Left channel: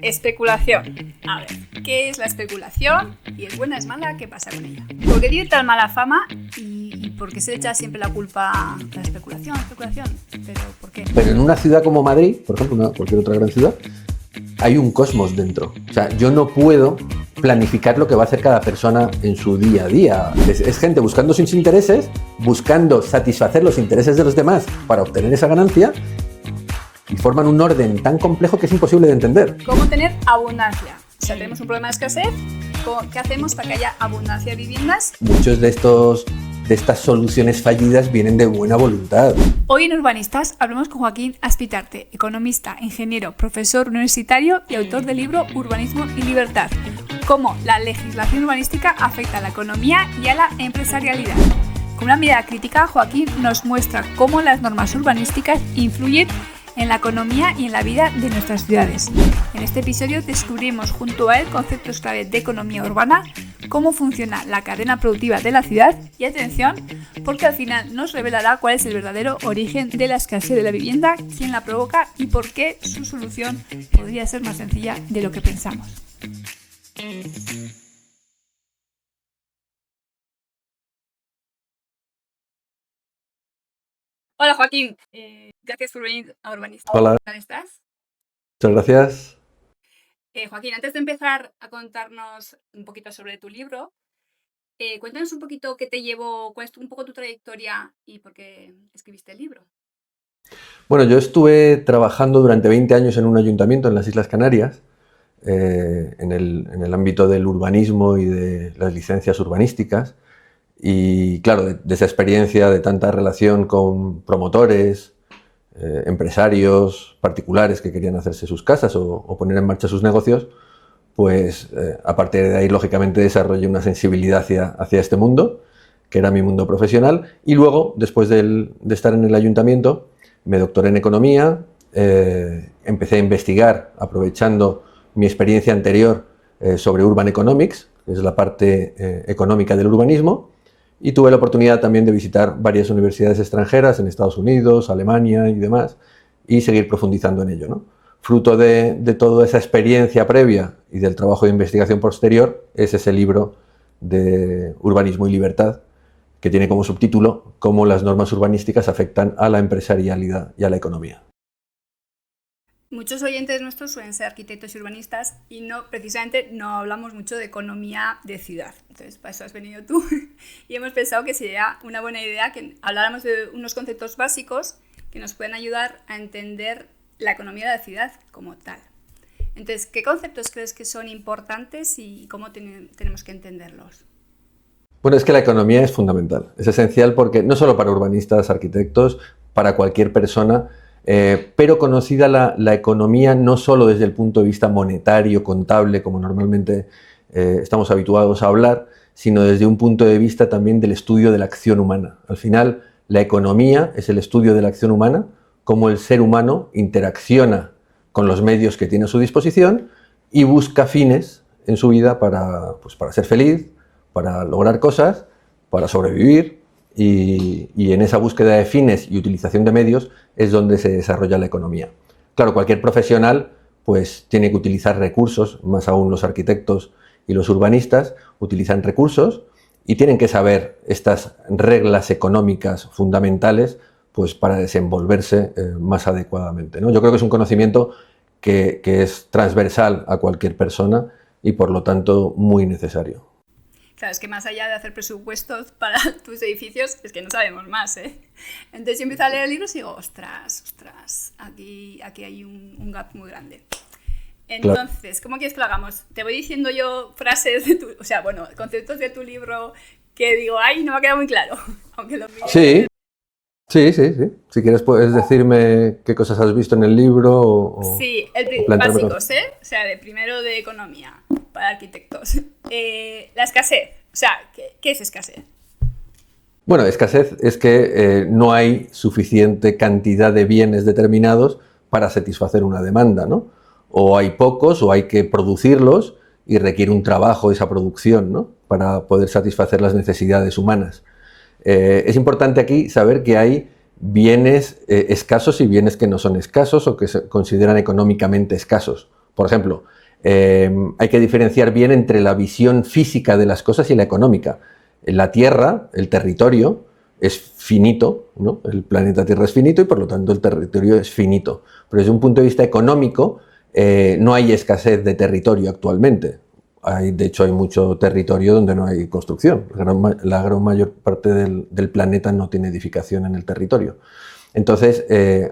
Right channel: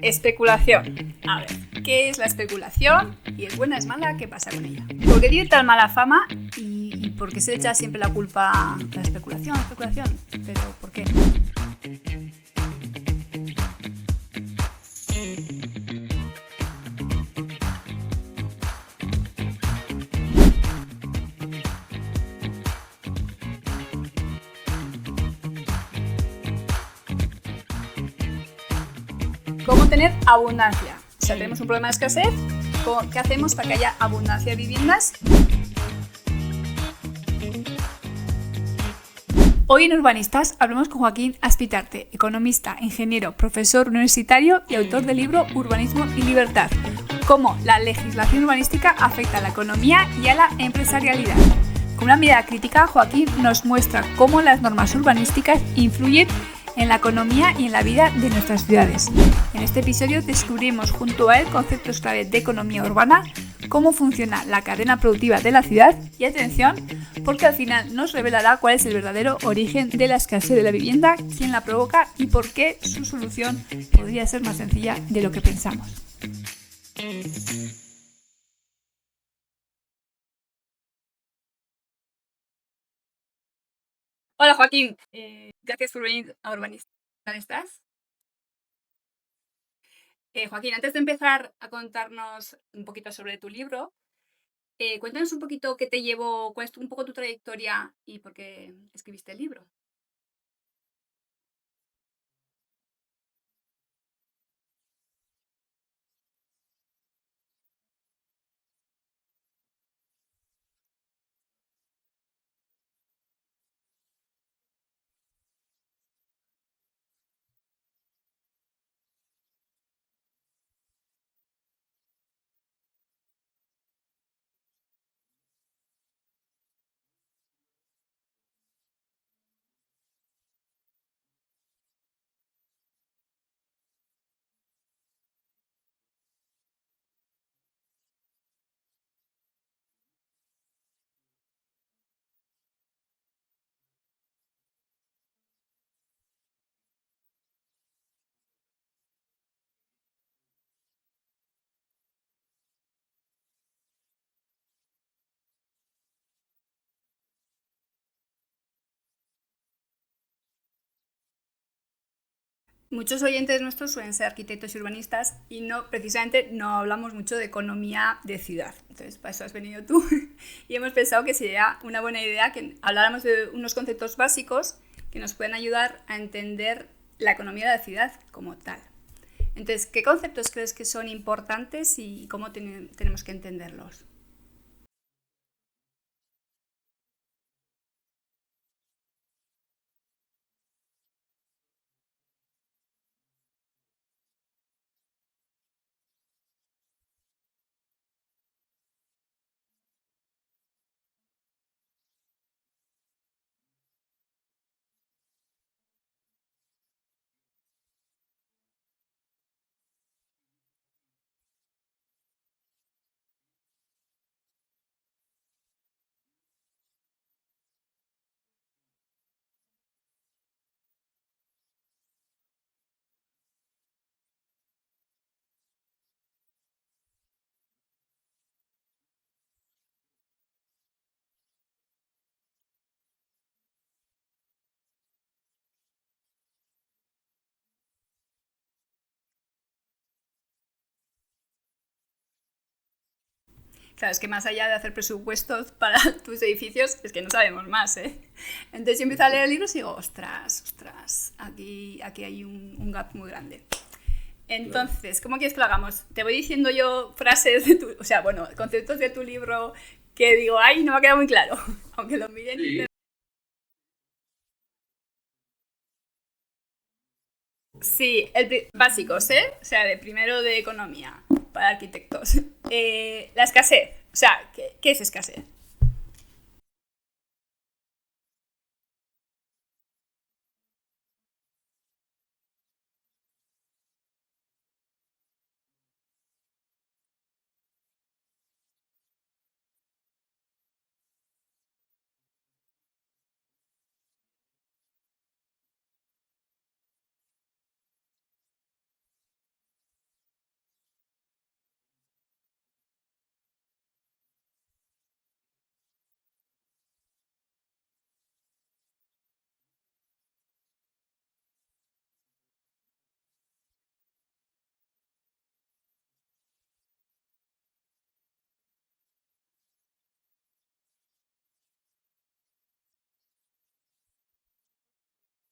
Especulación. A ver, ¿qué es la especulación? ¿Y es buena, es mala? ¿Qué pasa con ella? ¿Por qué tiene tan mala fama? ¿Y por qué se echa siempre la culpa a la especulación? ¿Pero por qué? Pero en una ciudad como Madrid, por ejemplo, cualquier otra gran ciudad, hay un cosmos dentro. O sea, yo no puedo planificar lo que va a hacer cada persona en su día a día. Es gente buscando sus intereses, buscando satisfacer los intereses de los demás para obtener esa ganancia, y forman un orden tan complejo que es imposible de entender. ¿Cómo tener abundancia? O sea, tenemos un problema de escasez. ¿Qué hacemos para que haya abundancia de viviendas? Muchos de estas soluciones fallidas vienen de buena voluntad. Hoy en Urbanistas hablamos con Joaquín Aspitarte, economista, ingeniero, profesor universitario y autor del libro Urbanismo y Libertad. Cómo la legislación urbanística afecta a la economía y a la empresarialidad. Con una mirada crítica, Joaquín nos muestra cómo las normas urbanísticas influyen en la economía y en la vida de nuestras ciudades. En este episodio descubrimos junto a él conceptos clave de economía urbana, cómo funciona la cadena productiva de la ciudad y atención, porque al final nos revelará cuál es el verdadero origen de la escasez de la vivienda, quién la provoca y por qué su solución podría ser más sencilla de lo que pensamos. Hola Joaquín, gracias por venir a Urbanistas. Hola. ¿Cómo estás? Muchas gracias. Joaquín, antes de empezar a contarnos un poquito sobre tu libro, cuéntanos un poquito qué te llevó, cuál es un poco tu trayectoria y por qué escribiste el libro. Bueno, yo estuve trabajando durante 20 años en un ayuntamiento en las Islas Canarias, en el ámbito del urbanismo y de las licencias urbanísticas. Y claro, de esa experiencia, de tanta relación con promotores, empresarios particulares que querían hacerse sus casas o poner en marcha sus negocios, pues a partir de ahí, lógicamente, desarrollé una sensibilidad hacia este mundo, que era mi mundo profesional. Y luego, después de estar en el ayuntamiento, me doctoré en economía, empecé a investigar, aprovechando mi experiencia anterior sobre Urban Economics, que es la parte económica del urbanismo, y tuve la oportunidad también de visitar varias universidades extranjeras en Estados Unidos, Alemania y demás, y seguir profundizando en ello, ¿no? Fruto de toda esa experiencia previa y del trabajo de investigación posterior es ese libro de Urbanismo y Libertad, que tiene como subtítulo Cómo las normas urbanísticas afectan a la empresarialidad y a la economía. Muchos oyentes nuestros suelen ser arquitectos y urbanistas y precisamente no hablamos mucho de economía de ciudad. Entonces, para eso has venido tú y hemos pensado que sería una buena idea que habláramos de unos conceptos básicos que nos pueden ayudar a entender la economía de la ciudad como tal. Entonces, ¿qué conceptos crees que son importantes y cómo tenemos que entenderlos? Bueno, es que la economía es fundamental, es esencial porque no solo para urbanistas, arquitectos, para cualquier persona, pero conocida la economía no solo desde el punto de vista monetario, contable, como normalmente estamos habituados a hablar, sino desde un punto de vista también del estudio de la acción humana. Al final, la economía es el estudio de la acción humana, cómo el ser humano interacciona con los medios que tiene a su disposición y busca fines en su vida para ser feliz, para lograr cosas, para sobrevivir, y en esa búsqueda de fines y utilización de medios es donde se desarrolla la economía. Claro, cualquier profesional pues tiene que utilizar recursos, más aún los arquitectos y los urbanistas utilizan recursos y tienen que saber estas reglas económicas fundamentales pues para desenvolverse más adecuadamente, ¿no? Yo creo que es un conocimiento que es transversal a cualquier persona y por lo tanto muy necesario. Claro, es que más allá de hacer presupuestos para tus edificios, es que no sabemos más, ¿eh? Entonces yo empiezo a leer el libro y digo, ostras, aquí hay un gap muy grande. Entonces, ¿cómo quieres que lo hagamos? Te voy diciendo yo frases conceptos de tu libro que digo, ay, no me ha quedado muy claro, aunque lo mire. Sí. Si quieres puedes decirme qué cosas has visto en el libro Sí, básicos, ¿eh? O sea, de primero de economía para arquitectos. La escasez. O sea, ¿qué es escasez? Bueno, escasez es que no hay suficiente cantidad de bienes determinados para satisfacer una demanda, ¿no? O hay pocos o hay que producirlos y requiere un trabajo esa producción, ¿no? Para poder satisfacer las necesidades humanas. Es importante aquí saber que hay bienes escasos y bienes que no son escasos o que se consideran económicamente escasos. Por ejemplo, hay que diferenciar bien entre la visión física de las cosas y la económica. La Tierra, el territorio, es finito, ¿no? El planeta Tierra es finito y por lo tanto el territorio es finito. Pero desde un punto de vista económico, no hay escasez de territorio actualmente. De hecho, hay mucho territorio donde no hay construcción. La gran mayor parte del planeta no tiene edificación en el territorio. Entonces,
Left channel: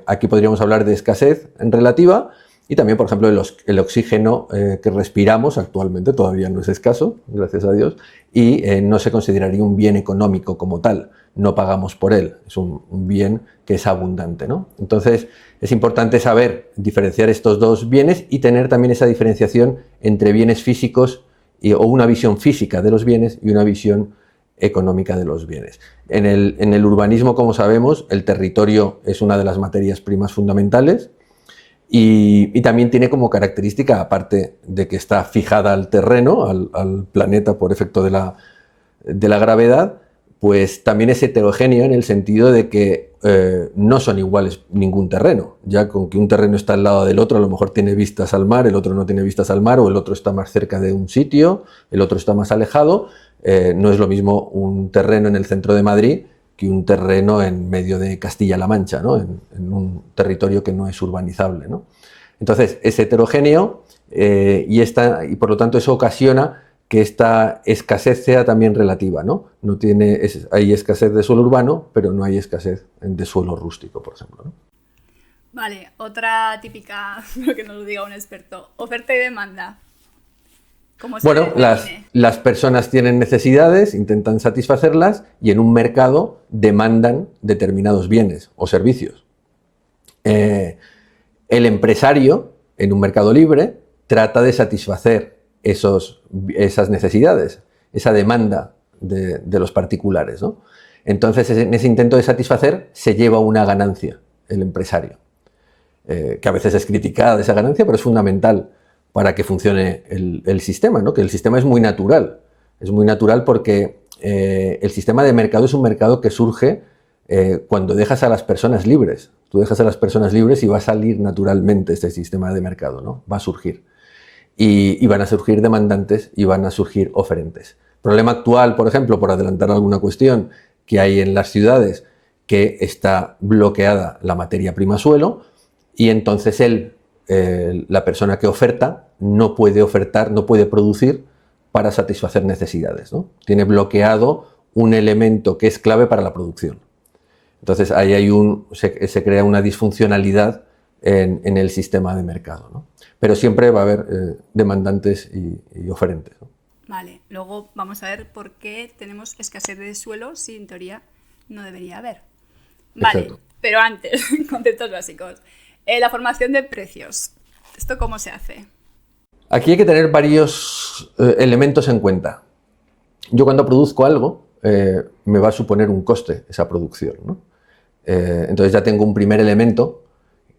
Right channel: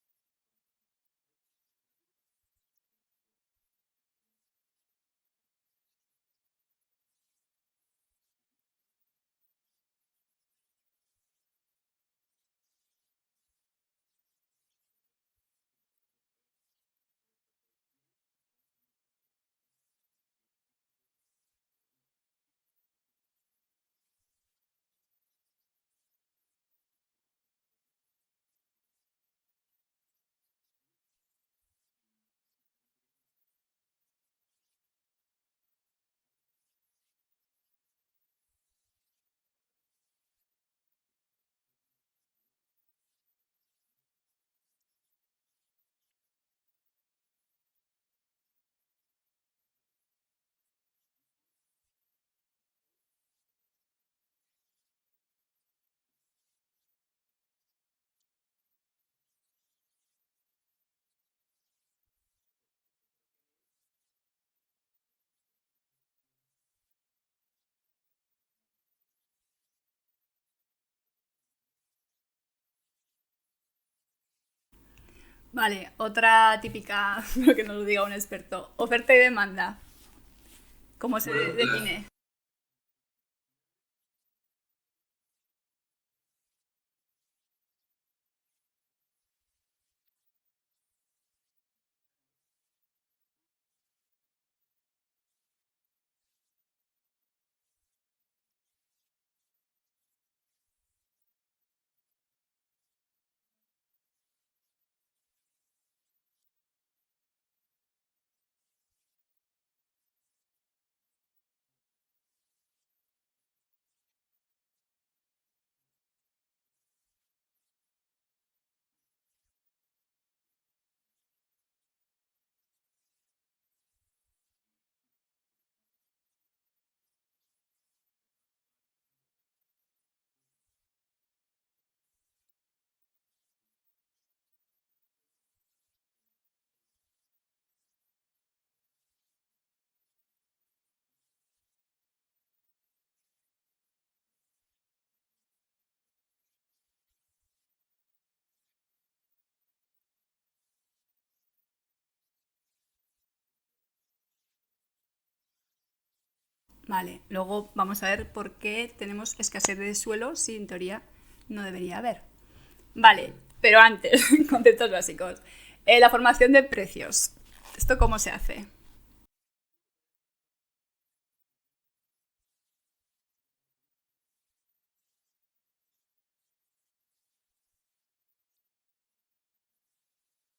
aquí podríamos hablar de escasez en relativa y también, por ejemplo, el oxígeno que respiramos actualmente todavía no es escaso, gracias a Dios, y no se consideraría un bien económico como tal. No pagamos por él, es un bien que es abundante, ¿no? Entonces, es importante saber diferenciar estos dos bienes y tener también esa diferenciación entre bienes físicos o una visión física de los bienes y una visión económica de los bienes. En el urbanismo, como sabemos, el territorio es una de las materias primas fundamentales y también tiene como característica, aparte de que está fijada al terreno, al planeta por efecto de la gravedad, pues también es heterogéneo en el sentido de que no son iguales ningún terreno. Ya con que un terreno está al lado del otro, a lo mejor tiene vistas al mar, el otro no tiene vistas al mar, o el otro está más cerca de un sitio, el otro está más alejado. No es lo mismo un terreno en el centro de Madrid que un terreno en medio de Castilla-La Mancha, ¿no? en un territorio que no es urbanizable, ¿no? Entonces, es heterogéneo y por lo tanto eso ocasiona que esta escasez sea también relativa, ¿no? Hay escasez de suelo urbano, pero no hay escasez de suelo rústico, por ejemplo, ¿no? Vale, otra típica, lo que nos lo diga un experto, oferta y demanda. ¿Cómo se define? Las personas tienen necesidades, intentan satisfacerlas y en un mercado demandan determinados bienes o servicios. El empresario, en un mercado libre, trata de satisfacer esas necesidades, esa demanda de los particulares, ¿no? Entonces, en ese intento de satisfacer se lleva una ganancia el empresario, que a veces es criticada de esa ganancia, pero es fundamental para que funcione el sistema, ¿no? Que el sistema es muy natural porque el sistema de mercado es un mercado que surge cuando dejas a las personas libres. Tú dejas a las personas libres y va a salir naturalmente este sistema de mercado, ¿no? Va a surgir. Y van a surgir demandantes y van a surgir oferentes. Problema actual, por ejemplo, por adelantar alguna cuestión que hay en las ciudades, que está bloqueada la materia prima suelo y entonces la persona que oferta no puede ofertar, no puede producir para satisfacer necesidades, ¿no? Tiene bloqueado un elemento que es clave para la producción. Entonces ahí se crea una disfuncionalidad en el sistema de mercado, ¿no? Pero siempre va a haber demandantes y oferentes, ¿no? Vale, luego vamos a ver por qué tenemos escasez de suelo si en teoría no debería haber. Vale, exacto. Pero antes, conceptos básicos. La formación de precios. ¿Esto cómo se hace? Aquí hay que tener varios elementos en cuenta. Yo cuando produzco algo, me va a suponer un coste esa producción, ¿no? Entonces ya tengo un primer elemento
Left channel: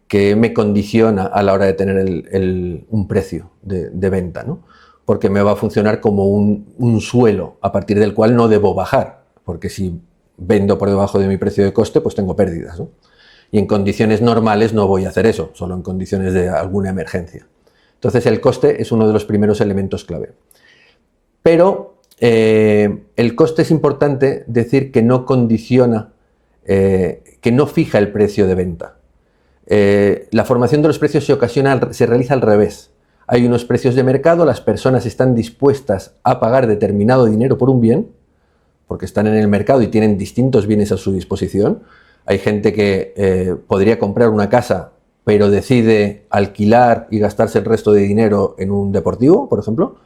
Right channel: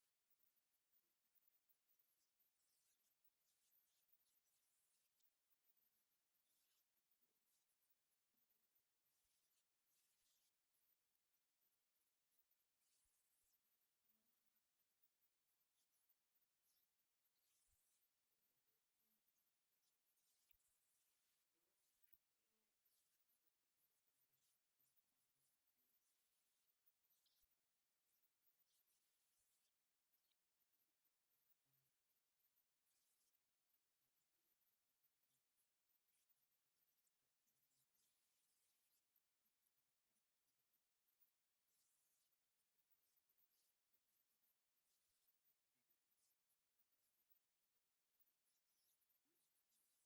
que me condiciona a la hora de tener un precio de venta, ¿no? Porque me va a funcionar como un suelo a partir del cual no debo bajar, porque si vendo por debajo de mi precio de coste, pues tengo pérdidas, ¿no? Y en condiciones normales no voy a hacer eso, solo en condiciones de alguna emergencia. Entonces el coste es uno de los primeros elementos clave. Pero el coste es importante decir que no condiciona, que no fija el precio de venta. La formación de los precios se realiza al revés. Hay unos precios de mercado, las personas están dispuestas a pagar determinado dinero por un bien, porque están en el mercado y tienen distintos bienes a su disposición. Hay gente que podría comprar una casa, pero decide alquilar y gastarse el resto de dinero en un deportivo, por ejemplo.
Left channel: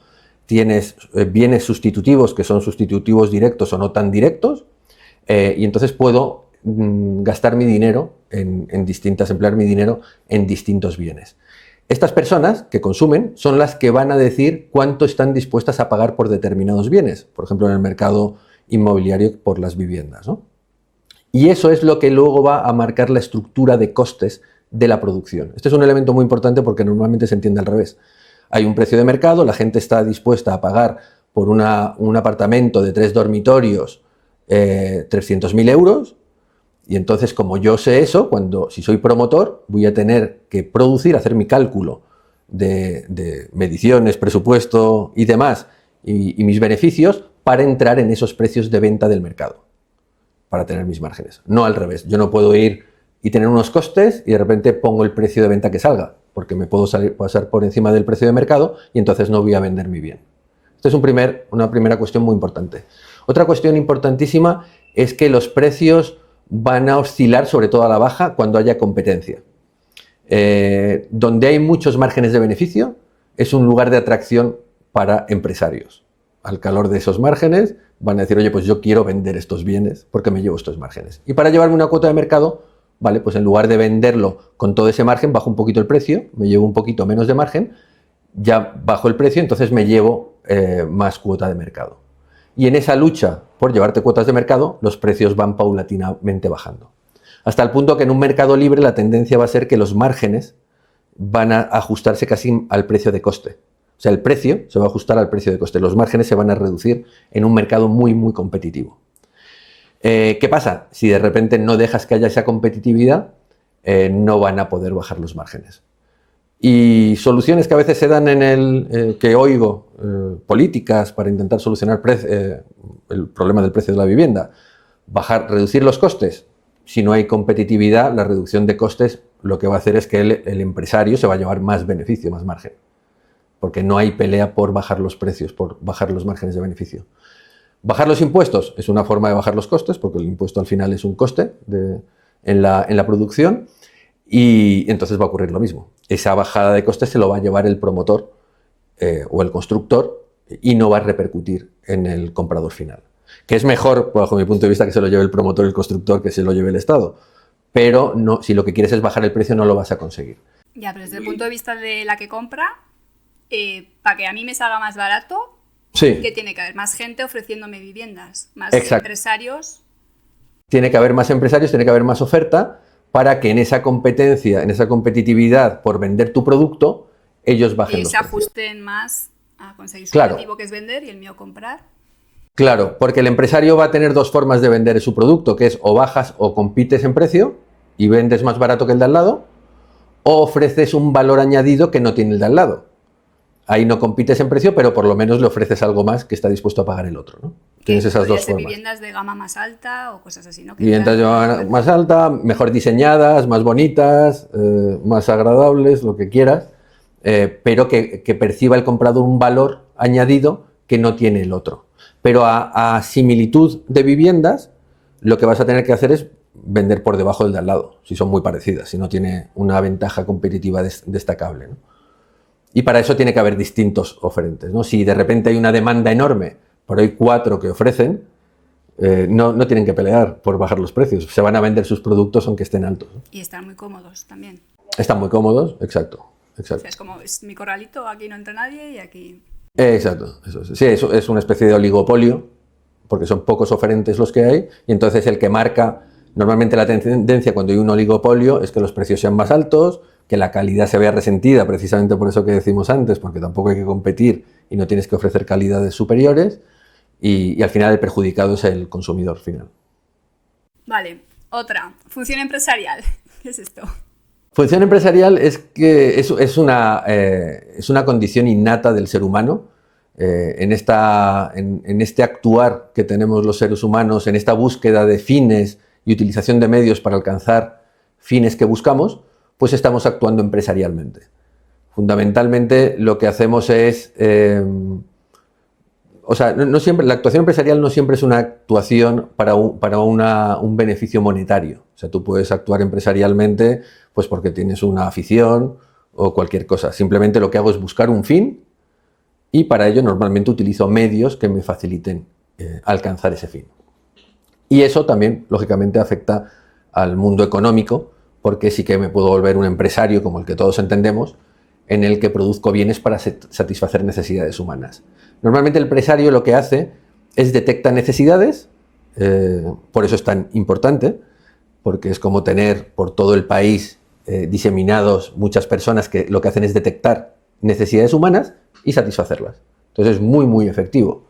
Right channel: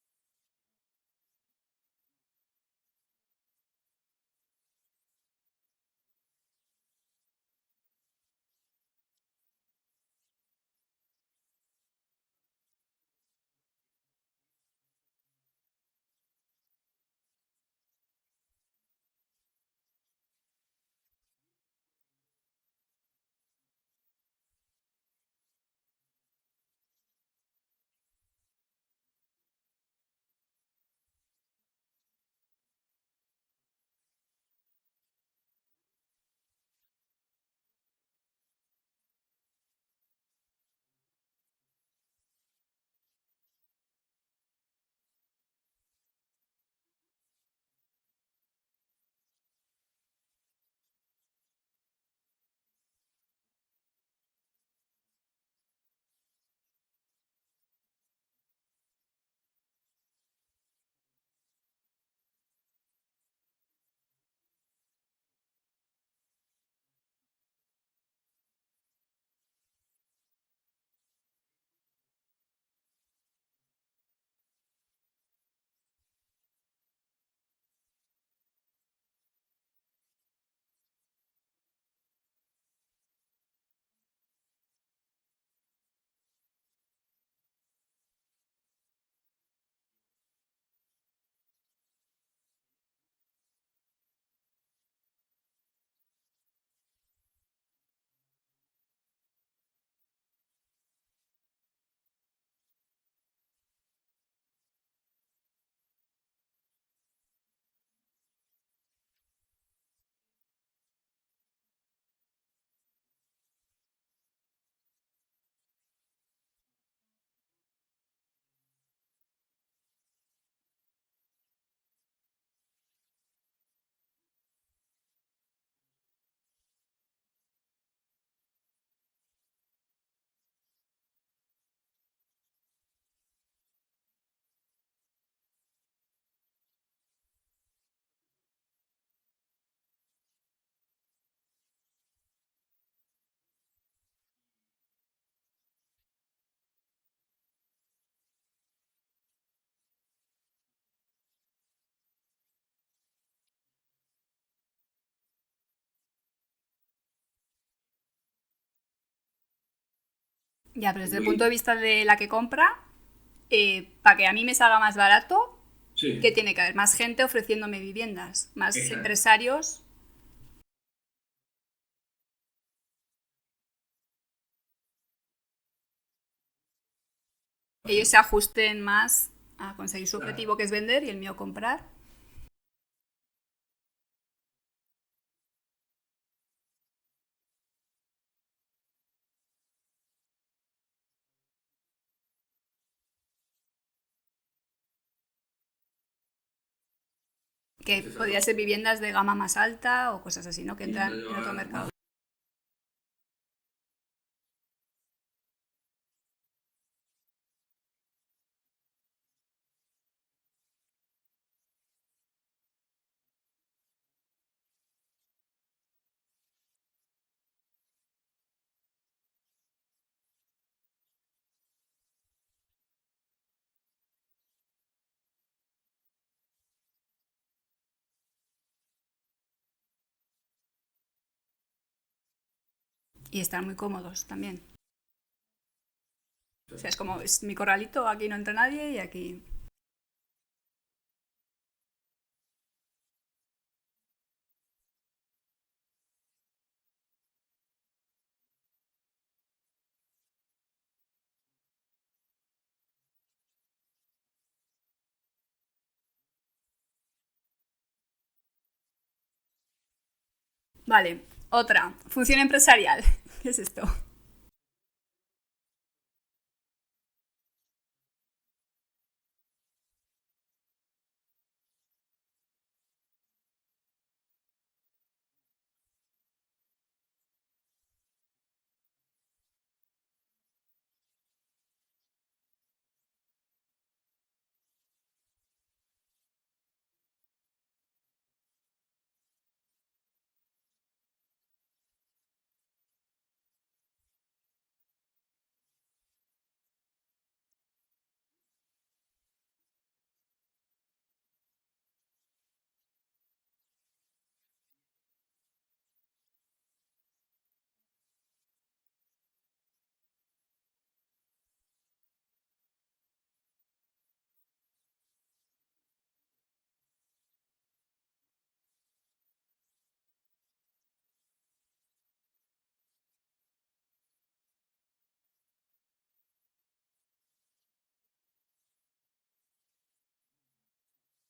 Tienes bienes sustitutivos, que son sustitutivos directos o no tan directos, y entonces puedo gastar mi dinero emplear mi dinero en distintos bienes. Estas personas que consumen son las que van a decir cuánto están dispuestas a pagar por determinados bienes, por ejemplo en el mercado inmobiliario por las viviendas, ¿no? Y eso es lo que luego va a marcar la estructura de costes de la producción. Este es un elemento muy importante porque normalmente se entiende al revés. Hay un precio de mercado, la gente está dispuesta a pagar por un apartamento de 3 dormitorios 300.000 euros, y entonces como yo sé eso, si soy promotor, voy a tener que hacer mi cálculo de mediciones, presupuesto y demás, y mis beneficios, para entrar en esos precios de venta del mercado, para tener mis márgenes. No al revés. Yo no puedo ir y tener unos costes y de repente pongo el precio de venta que salga, porque me puedo pasar por encima del precio de mercado y entonces no voy a vender mi bien. Esta es una primera cuestión muy importante. Otra cuestión importantísima es que los precios van a oscilar, sobre todo a la baja, cuando haya competencia. Donde hay muchos márgenes de beneficio, es un lugar de atracción para empresarios. Al calor de esos márgenes van a decir, oye, pues yo quiero vender estos bienes porque me llevo estos márgenes. Y para llevarme una cuota de mercado, vale, pues en lugar de venderlo con todo ese margen, bajo un poquito el precio, me llevo un poquito menos de margen, ya bajo el precio, entonces me llevo más cuota de mercado. Y en esa lucha por llevarte cuotas de mercado, los precios van paulatinamente bajando. Hasta el punto que en un mercado libre la tendencia va a ser que los márgenes van a ajustarse casi al precio de coste. O sea, el precio se va a ajustar al precio de coste. Los márgenes se van a reducir en un mercado muy, muy competitivo. ¿Qué pasa? Si de repente no dejas que haya esa competitividad, no van a poder bajar los márgenes. Y soluciones que a veces se dan que oigo, políticas para intentar solucionar el problema del precio de la vivienda, reducir los costes. Si no hay competitividad, la reducción de costes lo que va a hacer es que el empresario se va a llevar más beneficio, más margen. Porque no hay pelea por bajar los precios, por bajar los márgenes de beneficio. Bajar los impuestos es una forma de bajar los costes, porque el impuesto al final es un coste en la producción, y entonces va a ocurrir lo mismo. Esa bajada de costes se lo va a llevar el promotor o el constructor y no va a repercutir en el comprador final. Que es mejor, bajo mi punto de vista, que se lo lleve el promotor y el constructor que se lo lleve el Estado. Pero no, si lo que quieres es bajar el precio, no lo vas a conseguir. Ya, pero desde el punto de vista de la que compra, para que a mí me salga más barato, sí, que tiene que haber más gente ofreciéndome viviendas, más exacto, empresarios. Tiene que haber más empresarios, tiene que haber más oferta para que en esa competencia, en esa competitividad por vender tu producto, ellos bajen Y los se precios. ajusten más a conseguir su Claro. objetivo, que es vender, y el mío comprar. Claro, porque el empresario va a tener dos formas de vender su producto, que es o bajas o compites en precio y vendes más barato que el de al lado, o ofreces un valor añadido que no tiene el de al lado. Ahí no compites en precio, pero por lo menos le ofreces algo más que está dispuesto a pagar el otro, ¿no? Que Tienes esas podría dos ser formas. viviendas de gama más alta o cosas así, ¿no? Que Viviendas de entran en el gama más mercado. alta, mejor diseñadas, más bonitas, más agradables, lo que quieras, pero que perciba el comprador un valor añadido que no tiene el otro. Pero a similitud de viviendas, lo que vas a tener que hacer es vender por debajo del de al lado, si son muy parecidas, si no tiene una ventaja competitiva destacable, ¿no? Y para eso tiene que haber distintos oferentes, ¿no? Si de repente hay una demanda enorme, pero hay 4 que ofrecen, no tienen que pelear por bajar los precios. Se van a vender sus productos aunque estén altos, ¿no? Y están muy cómodos también. Están muy cómodos, exacto. O sea, es como, es mi corralito, aquí no entra nadie y aquí... Exacto. Sí, eso es una especie de oligopolio, porque son pocos oferentes los que hay, y entonces el que marca, normalmente la tendencia cuando hay un oligopolio es que los precios sean más altos, que la calidad se vea resentida, precisamente por eso que decimos antes, porque tampoco hay que competir y no tienes que ofrecer calidades superiores, y al final el perjudicado es el consumidor final. Vale, otra. Función empresarial. ¿Qué es esto? Función empresarial es que es una condición innata del ser humano, en este actuar que tenemos los seres humanos, en esta búsqueda de fines y utilización de medios para alcanzar fines que buscamos, pues estamos actuando empresarialmente. Fundamentalmente lo que hacemos es... no siempre, la actuación empresarial no siempre es una actuación para un beneficio monetario. O sea, tú puedes actuar empresarialmente pues porque tienes una afición o cualquier cosa. Simplemente lo que hago es buscar un fin y para ello normalmente utilizo medios que me faciliten alcanzar ese fin. Y eso también, lógicamente, afecta al mundo económico, porque sí que me puedo volver un empresario como el que todos entendemos, en el que produzco bienes para satisfacer necesidades humanas. Normalmente el empresario lo que hace es detecta necesidades, por eso es tan importante, porque es como tener por todo el país diseminados muchas personas que lo que hacen es detectar necesidades humanas y satisfacerlas. Entonces es muy, muy efectivo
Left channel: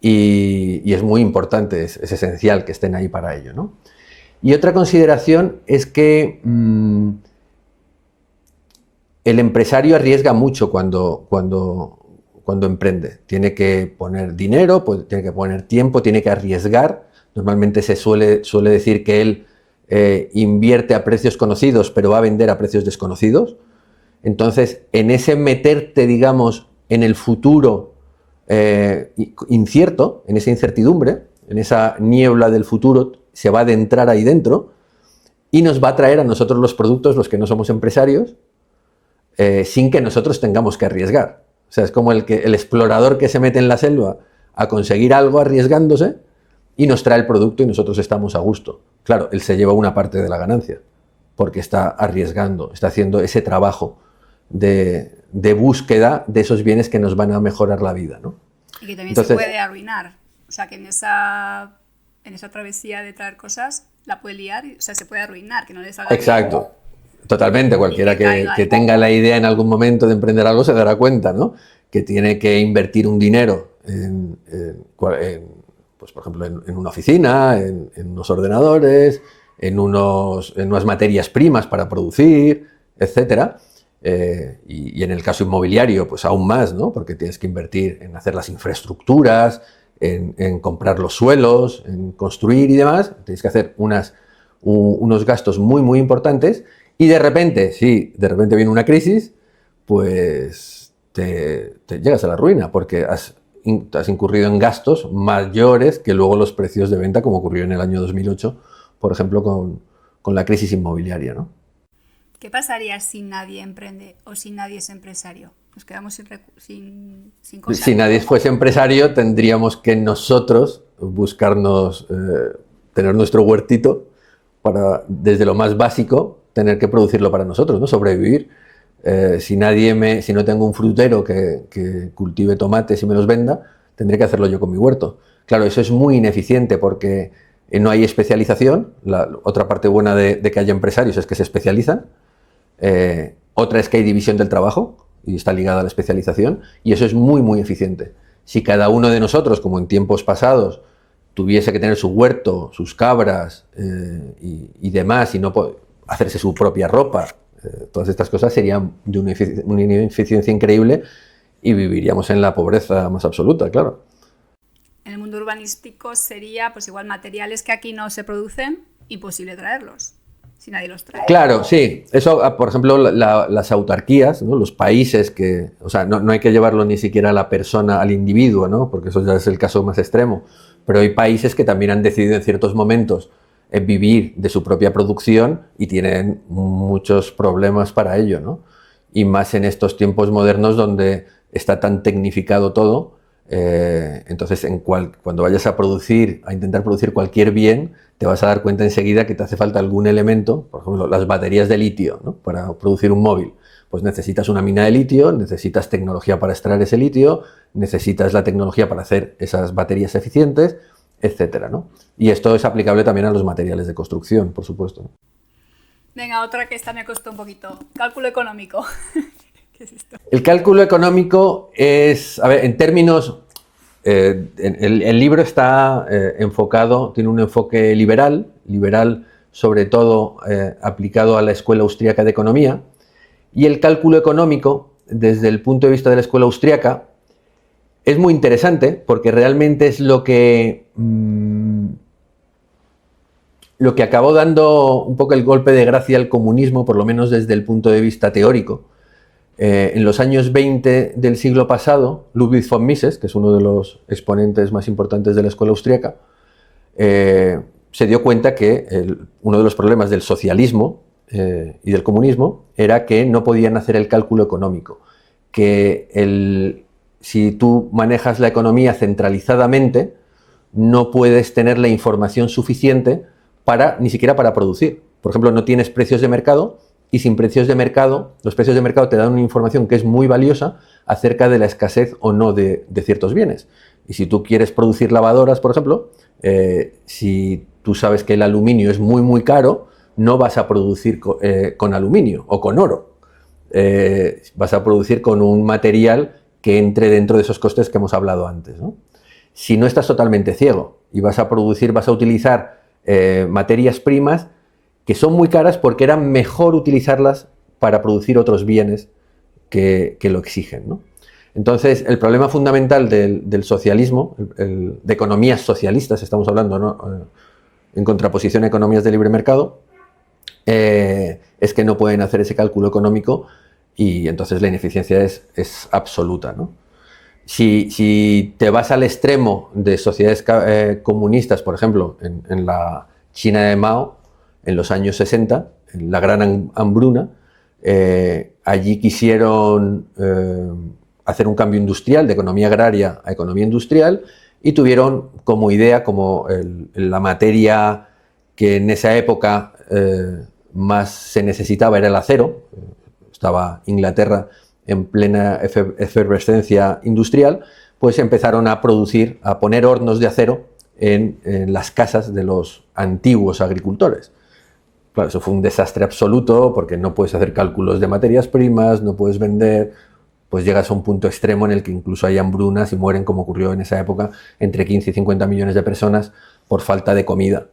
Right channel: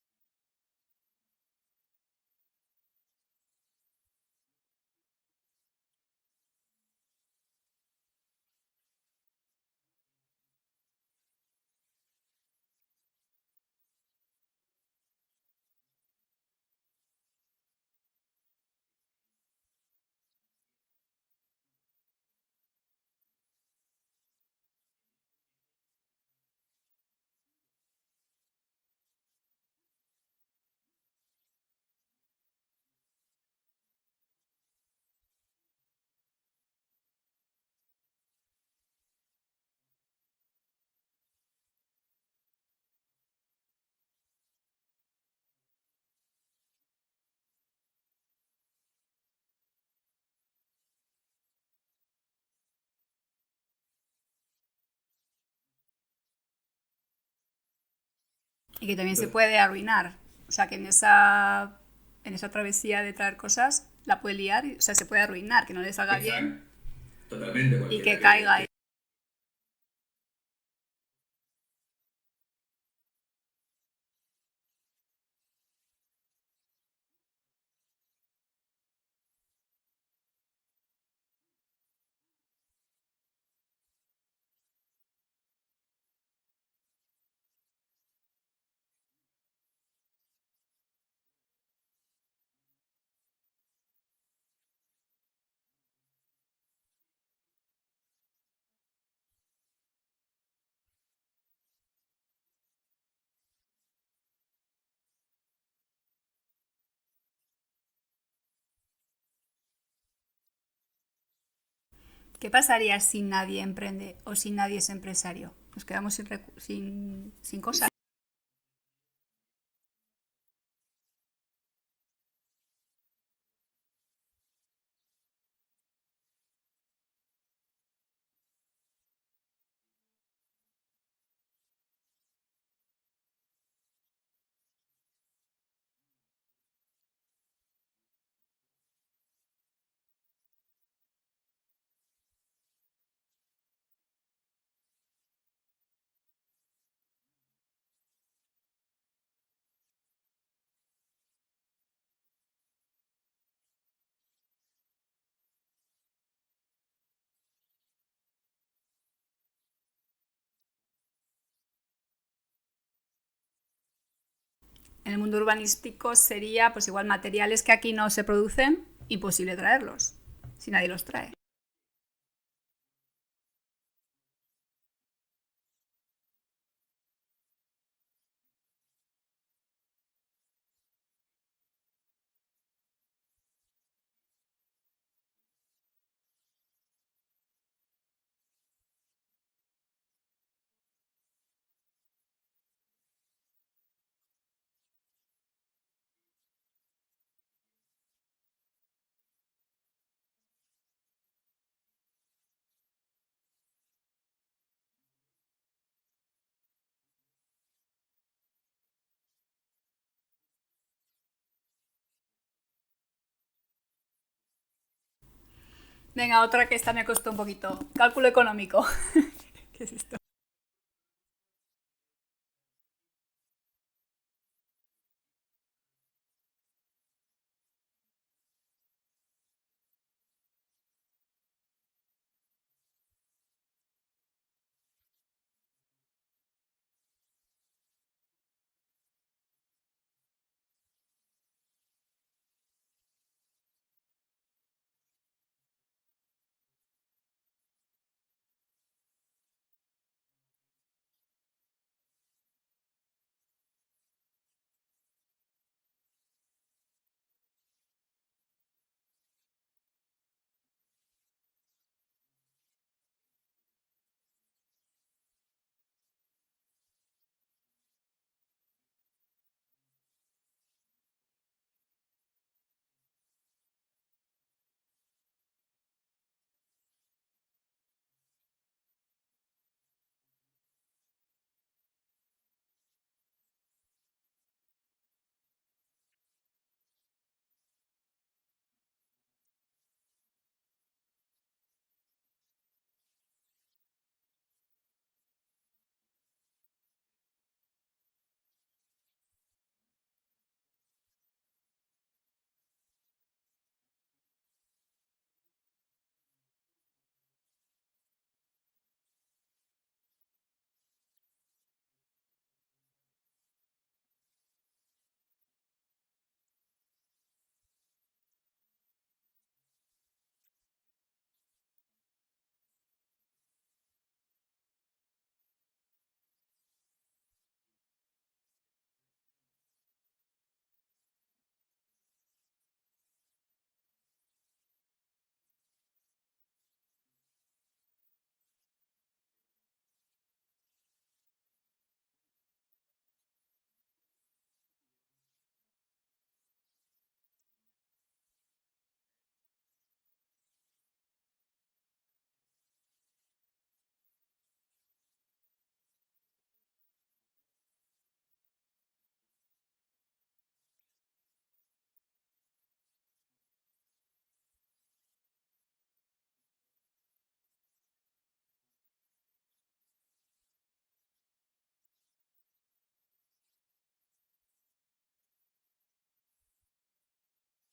y es muy importante, es esencial que estén ahí para ello, ¿no? Y otra consideración es que el empresario arriesga mucho cuando emprende. Tiene que poner dinero, pues, tiene que poner tiempo, tiene que arriesgar. Normalmente se suele decir que él invierte a precios conocidos, pero va a vender a precios desconocidos. Entonces, en ese meterte, digamos, en el futuro incierto, en esa incertidumbre, en esa niebla del futuro, se va a adentrar ahí dentro y nos va a traer a nosotros los productos, los que no somos empresarios, sin que nosotros tengamos que arriesgar. O sea, es como el explorador que se mete en la selva a conseguir algo arriesgándose y nos trae el producto y nosotros estamos a gusto. Claro, él se lleva una parte de la ganancia porque está arriesgando, está haciendo ese trabajo de búsqueda de esos bienes que nos van a mejorar la vida, ¿no? Y que también se puede arruinar. O sea, que en esa travesía de traer cosas la puede liar, o sea, se puede arruinar, que no le salga bien. Exacto. Totalmente, cualquiera que tenga la idea en algún momento de emprender algo se dará cuenta, ¿no? Que tiene que invertir un dinero pues, por ejemplo, en una oficina, en unos ordenadores, en unas materias primas para producir, etcétera. Y en el caso inmobiliario, pues aún más, ¿no? Porque tienes que invertir en hacer las infraestructuras, en comprar los suelos, en construir y demás. Tienes que hacer unos gastos muy, muy importantes. Y de repente, de repente viene una crisis, pues te llegas a la ruina porque has incurrido en gastos mayores que luego los precios de venta, como ocurrió en el año 2008, por ejemplo, con la crisis inmobiliaria, ¿no? ¿Qué pasaría si nadie emprende o si nadie es empresario? Nos quedamos sin cosas. Si nadie fuese empresario, tendríamos que nosotros buscarnos, tener nuestro huertito para, desde lo más básico, tener que producirlo para nosotros, ¿no? Sobrevivir. Si no tengo un frutero que cultive tomates y me los venda, tendré que hacerlo yo con mi huerto. Claro, eso es muy ineficiente porque no hay especialización. Otra parte buena de que haya empresarios es que se especializan. Otra es que hay división del trabajo y está ligada a la especialización, y eso es muy, muy eficiente. Si cada uno de nosotros, como en tiempos pasados, tuviese que tener su huerto, sus cabras y demás, y no hacerse su propia ropa, todas estas cosas serían de una ineficiencia increíble y viviríamos en la pobreza más absoluta, claro. En el mundo urbanístico sería, pues igual, materiales que aquí no se producen, imposible traerlos, si nadie los trae. Claro, sí. Eso, por ejemplo, las autarquías, ¿no? Los países que... O sea, no hay que llevarlo ni siquiera a la persona, al individuo, ¿no? Porque eso ya es el caso más extremo. Pero hay países que también han decidido en ciertos momentos vivir de su propia producción y tienen muchos problemas para ello, ¿no? Y más en estos tiempos modernos donde está tan tecnificado todo. Entonces, cuando vayas a intentar producir cualquier bien, te vas a dar cuenta enseguida que te hace falta algún elemento, por ejemplo, las baterías de litio, ¿no? Para producir un móvil. Pues necesitas una mina de litio, necesitas tecnología para extraer ese litio, necesitas la tecnología para hacer esas baterías eficientes, etcétera, ¿no? Y esto es aplicable también a los materiales de construcción, por supuesto, ¿no? Venga, otra que esta me costó un poquito. Cálculo económico. ¿Qué es esto? El cálculo económico es, a ver, en términos... el libro está enfocado, tiene un enfoque liberal sobre todo aplicado a la Escuela Austríaca de Economía, y el cálculo económico, desde el punto de vista de la Escuela Austríaca, es muy interesante porque realmente es lo que acabó dando un poco el golpe de gracia al comunismo, por lo menos desde el punto de vista teórico. En los años 20 del siglo pasado, Ludwig von Mises, que es uno de los exponentes más importantes de la escuela austríaca, se dio cuenta que uno de los problemas del socialismo y del comunismo era que no podían hacer el cálculo económico, que si tú manejas la economía centralizadamente, no puedes tener la información suficiente ni siquiera para producir. Por ejemplo, no tienes precios de mercado, y sin precios de mercado, los precios de mercado te dan una información que es muy valiosa acerca de la escasez o no de ciertos bienes. Y si tú quieres producir lavadoras, por ejemplo, si tú sabes que el aluminio es muy, muy caro, no vas a producir con aluminio o con oro. Vas a producir con un material que entre dentro de esos costes que hemos hablado antes, ¿no? Si no estás totalmente ciego y vas a utilizar materias primas que son muy caras porque era mejor utilizarlas para producir otros bienes que lo exigen, ¿no? Entonces, el problema fundamental del socialismo, de economías socialistas, estamos hablando, ¿no? En contraposición a economías de libre mercado, es que no pueden hacer ese cálculo económico y entonces la ineficiencia es absoluta, ¿no? Si te vas al extremo de sociedades comunistas, por ejemplo, en la China de Mao, en los años 60, en la gran hambruna, allí quisieron hacer un cambio industrial, de economía agraria a economía industrial, y tuvieron como idea, como la materia que en esa época más se necesitaba era el acero. Estaba Inglaterra en plena efervescencia industrial, pues empezaron a producir, a poner hornos de acero en las casas de los antiguos agricultores. Claro, eso fue un desastre absoluto porque no puedes hacer cálculos de materias primas, no puedes vender, pues llegas a un punto extremo en el que incluso hay hambrunas y mueren, como ocurrió en esa época, entre 15 y 50 millones de personas por falta de comida,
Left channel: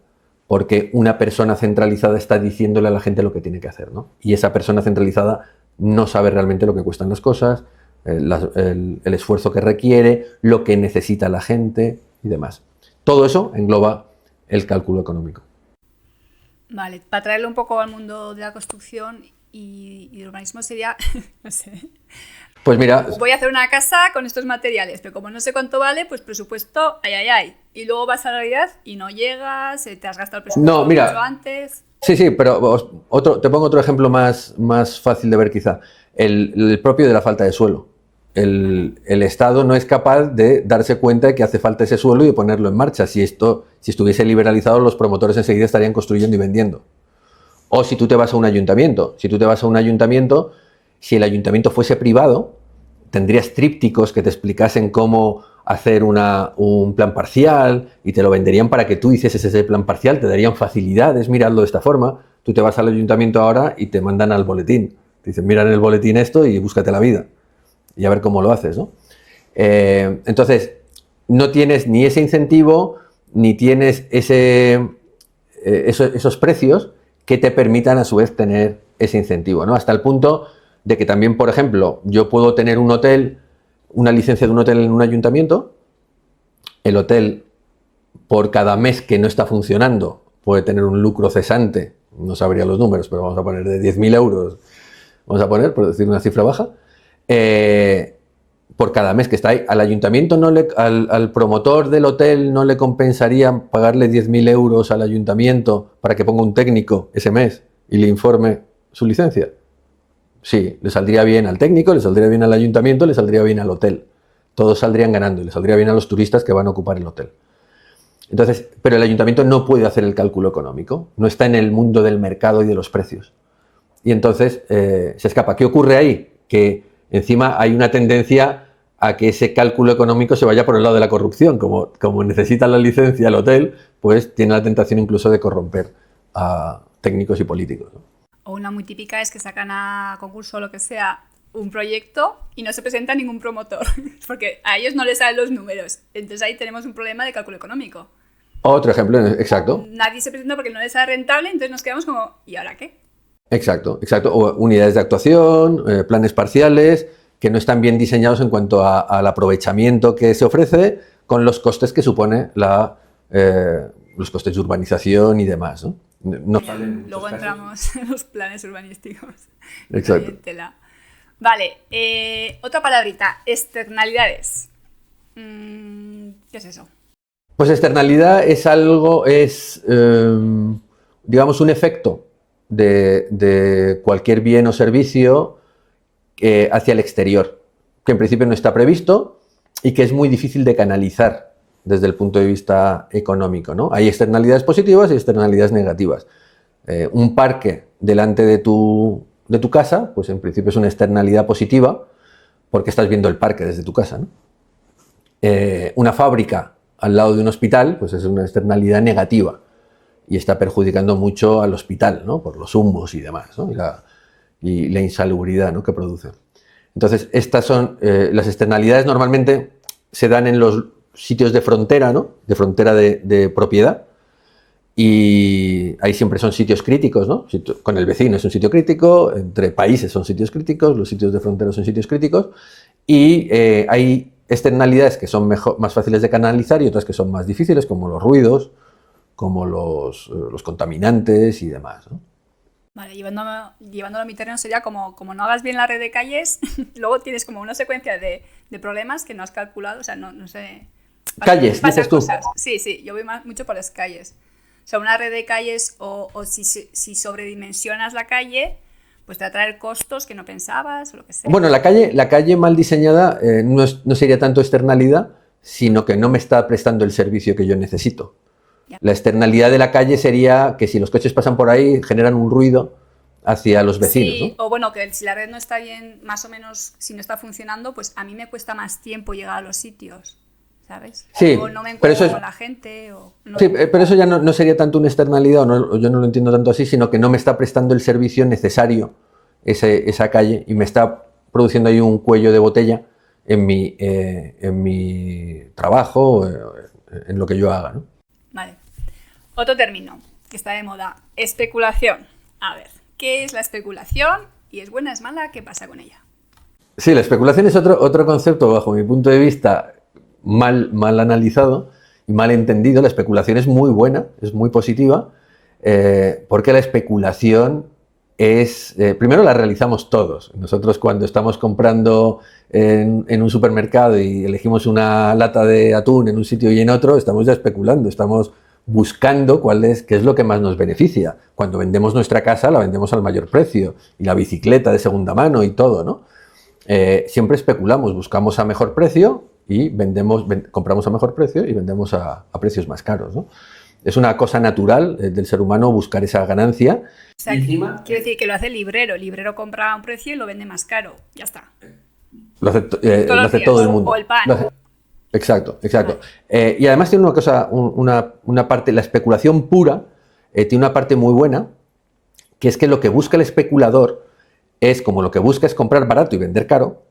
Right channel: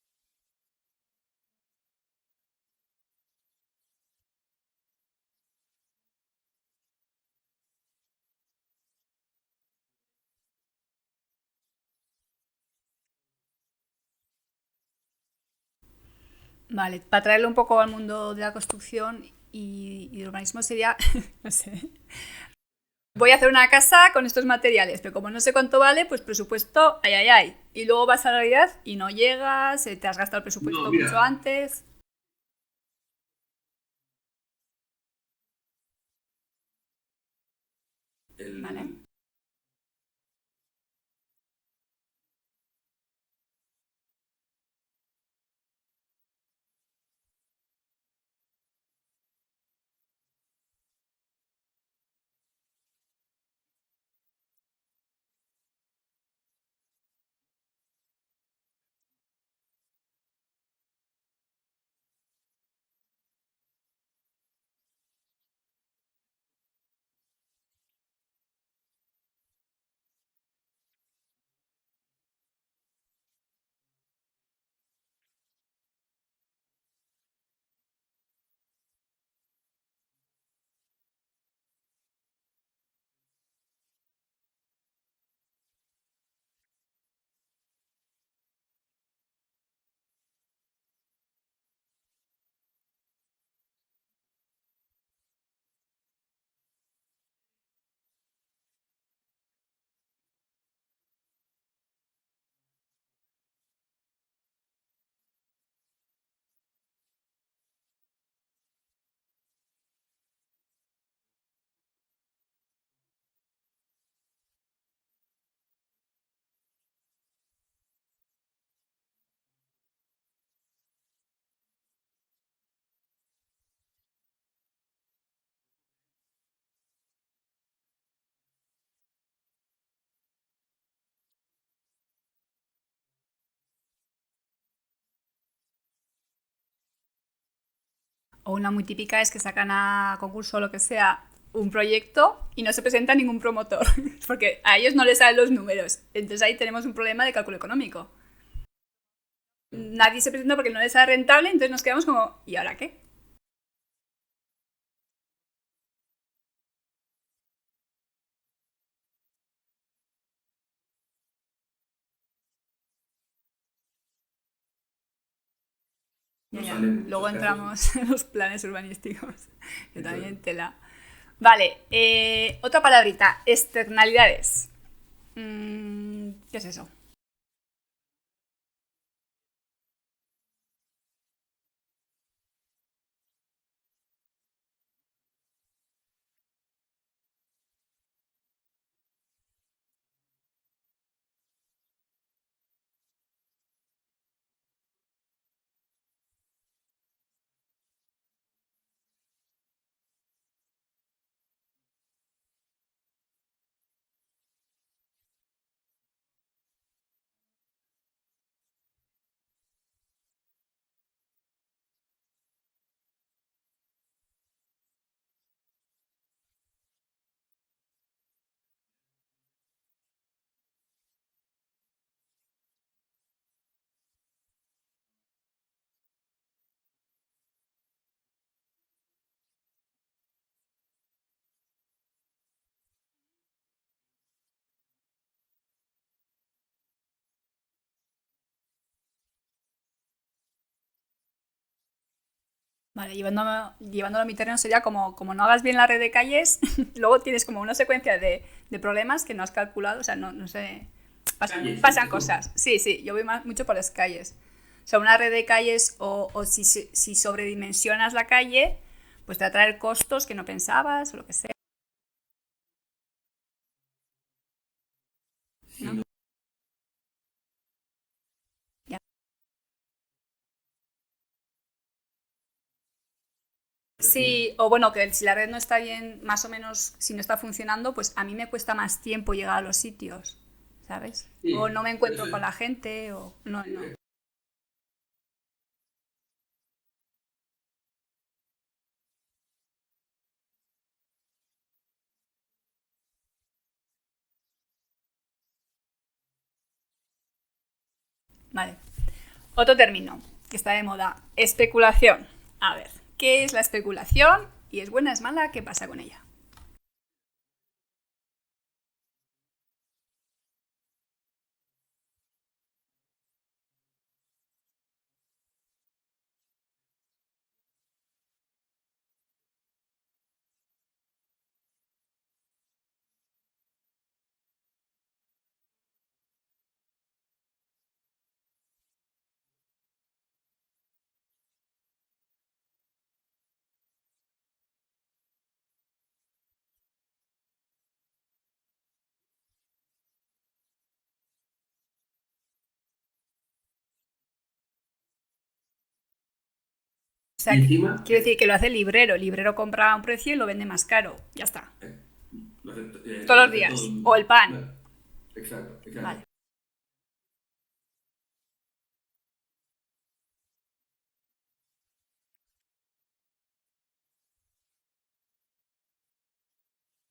porque una persona centralizada está diciéndole a la gente lo que tiene que hacer, ¿no? Y esa persona centralizada no sabe realmente lo que cuestan las cosas, el esfuerzo que requiere, lo que necesita la gente y demás. Todo eso engloba el cálculo económico. Vale, para traerlo un poco al mundo de la construcción y el urbanismo sería, no sé, pues mira, voy a hacer una casa con estos materiales, pero como no sé cuánto vale, pues presupuesto, ay. Y luego vas a la realidad y no llegas, te has gastado el presupuesto mucho antes. Sí, pero te pongo otro ejemplo más fácil de ver quizá. El propio de la falta de suelo. El Estado no es capaz de darse cuenta de que hace falta ese suelo y de ponerlo en marcha. Si estuviese liberalizado, los promotores enseguida estarían construyendo y vendiendo. O si tú te vas a un ayuntamiento. Si el ayuntamiento fuese privado, tendrías trípticos que te explicasen cómo hacer un plan parcial y te lo venderían para que tú hicieses ese plan parcial, te darían facilidades, miradlo de esta forma. Tú te vas al ayuntamiento ahora y te mandan al boletín. Te dicen, mira en el boletín esto y búscate la vida. Y a ver cómo lo haces, ¿no? Entonces, no tienes ni ese incentivo, ni tienes esos precios que te permitan a su vez tener ese incentivo, ¿no? Hasta el punto de que también, por ejemplo, yo puedo tener un hotel, una licencia de un hotel en un ayuntamiento, el hotel por cada mes que no está funcionando puede tener un lucro cesante, no sabría los números, pero vamos a poner de 10.000 euros, vamos a poner, por decir una cifra baja, por cada mes que está ahí. Al ayuntamiento, al promotor del hotel no le compensaría pagarle 10.000 euros al ayuntamiento para que ponga un técnico ese mes y le informe su licencia. Sí, le saldría bien al técnico, le saldría bien al ayuntamiento, le saldría bien al hotel. Todos saldrían ganando y le saldría bien a los turistas que van a ocupar el hotel. Entonces, pero el ayuntamiento no puede hacer el cálculo económico, no está en el mundo del mercado y de los precios. Y entonces se escapa. ¿Qué ocurre ahí? Que encima hay una tendencia a que ese cálculo económico se vaya por el lado de la corrupción. Como necesita la licencia el hotel, pues tiene la tentación incluso de corromper a técnicos y políticos, ¿no? O una muy típica es que sacan a concurso o lo que sea un proyecto y no se presenta ningún promotor, porque a ellos no les salen los números. Entonces ahí tenemos un problema de cálculo económico. Otro ejemplo, exacto. Nadie se presenta porque no les sale rentable, entonces nos quedamos como, ¿y ahora qué? Exacto. O unidades de actuación, planes parciales, que no están bien diseñados en cuanto al aprovechamiento que se ofrece con los costes que supone los costes de urbanización y demás, ¿no? Luego entramos en los planes urbanísticos. Exacto. Vale, otra palabrita, externalidades. ¿Qué es eso? Pues externalidad es algo, digamos, un efecto de cualquier bien o servicio hacia el exterior, que en principio no está previsto y que es muy difícil de canalizar desde el punto de vista económico, ¿no? Hay externalidades positivas y externalidades negativas. Un parque delante de tu casa, pues en principio es una externalidad positiva porque estás viendo el parque desde tu casa, ¿no? Una fábrica al lado de un hospital, pues es una externalidad negativa y está perjudicando mucho al hospital, ¿no? Por los humos y demás, ¿no? y la insalubridad, ¿no? que produce. Entonces, estas son las externalidades normalmente se dan en los sitios de frontera, ¿no? De frontera de propiedad, y ahí siempre son sitios críticos, ¿no? Con el vecino es un sitio crítico, entre países son sitios críticos, los sitios de frontera son sitios críticos, y hay externalidades que son más fáciles de canalizar y otras que son más difíciles, como los ruidos, como los contaminantes y demás, ¿no? Vale, llevándolo a mi terreno sería como no hagas bien la red de calles, luego tienes como una secuencia de problemas que no has calculado, o sea, no sé... Calles, pasan dices tú. cosas. Sí, yo voy mucho por las calles. O sea, una red de calles o si sobredimensionas la calle, pues te va a traer costos que no pensabas o lo que sea. Bueno, la calle mal diseñada no sería tanto externalidad, sino que no me está prestando el servicio que yo necesito. Ya. La externalidad de la calle sería que si los coches pasan por ahí, generan un ruido hacia los vecinos. Sí, ¿no? o bueno, que si la red no está bien, más o menos, si no está funcionando, pues a mí me cuesta más tiempo llegar a los sitios, ¿sabes? Sí, O no me pero encuentro eso con la gente, o... No, sí, pero eso ya no sería tanto una externalidad, o yo no lo entiendo tanto así, sino que no me está prestando el servicio necesario esa calle y me está produciendo ahí un cuello de botella en mi trabajo, en lo que yo haga, ¿no? Vale. Otro término que está de moda, especulación. A ver, ¿qué es la especulación? ¿Y es buena, es mala? ¿Qué pasa con ella? Sí, la especulación es otro concepto, bajo mi punto de vista, mal analizado y mal entendido. La especulación es muy buena, es muy positiva, porque la especulación primero la realizamos todos. Nosotros cuando estamos comprando en un supermercado y elegimos una lata de atún en un sitio y en otro, estamos ya especulando, estamos buscando qué es lo que más nos beneficia. Cuando vendemos nuestra casa, la vendemos al mayor precio, y la bicicleta de segunda mano y todo, ¿no? Siempre especulamos, buscamos a mejor precio y compramos a mejor precio y vendemos a precios más caros, ¿no? Es una cosa natural del ser humano buscar esa ganancia. O sea, quiero decir que lo hace el librero compra a un precio y lo vende más caro, ya está. Lo hace todo el mundo. O el pan. Exacto. Vale. Y además tiene una cosa, una parte, la especulación pura tiene una parte muy buena, que es que lo que busca el especulador es, como lo que busca es comprar barato y vender caro,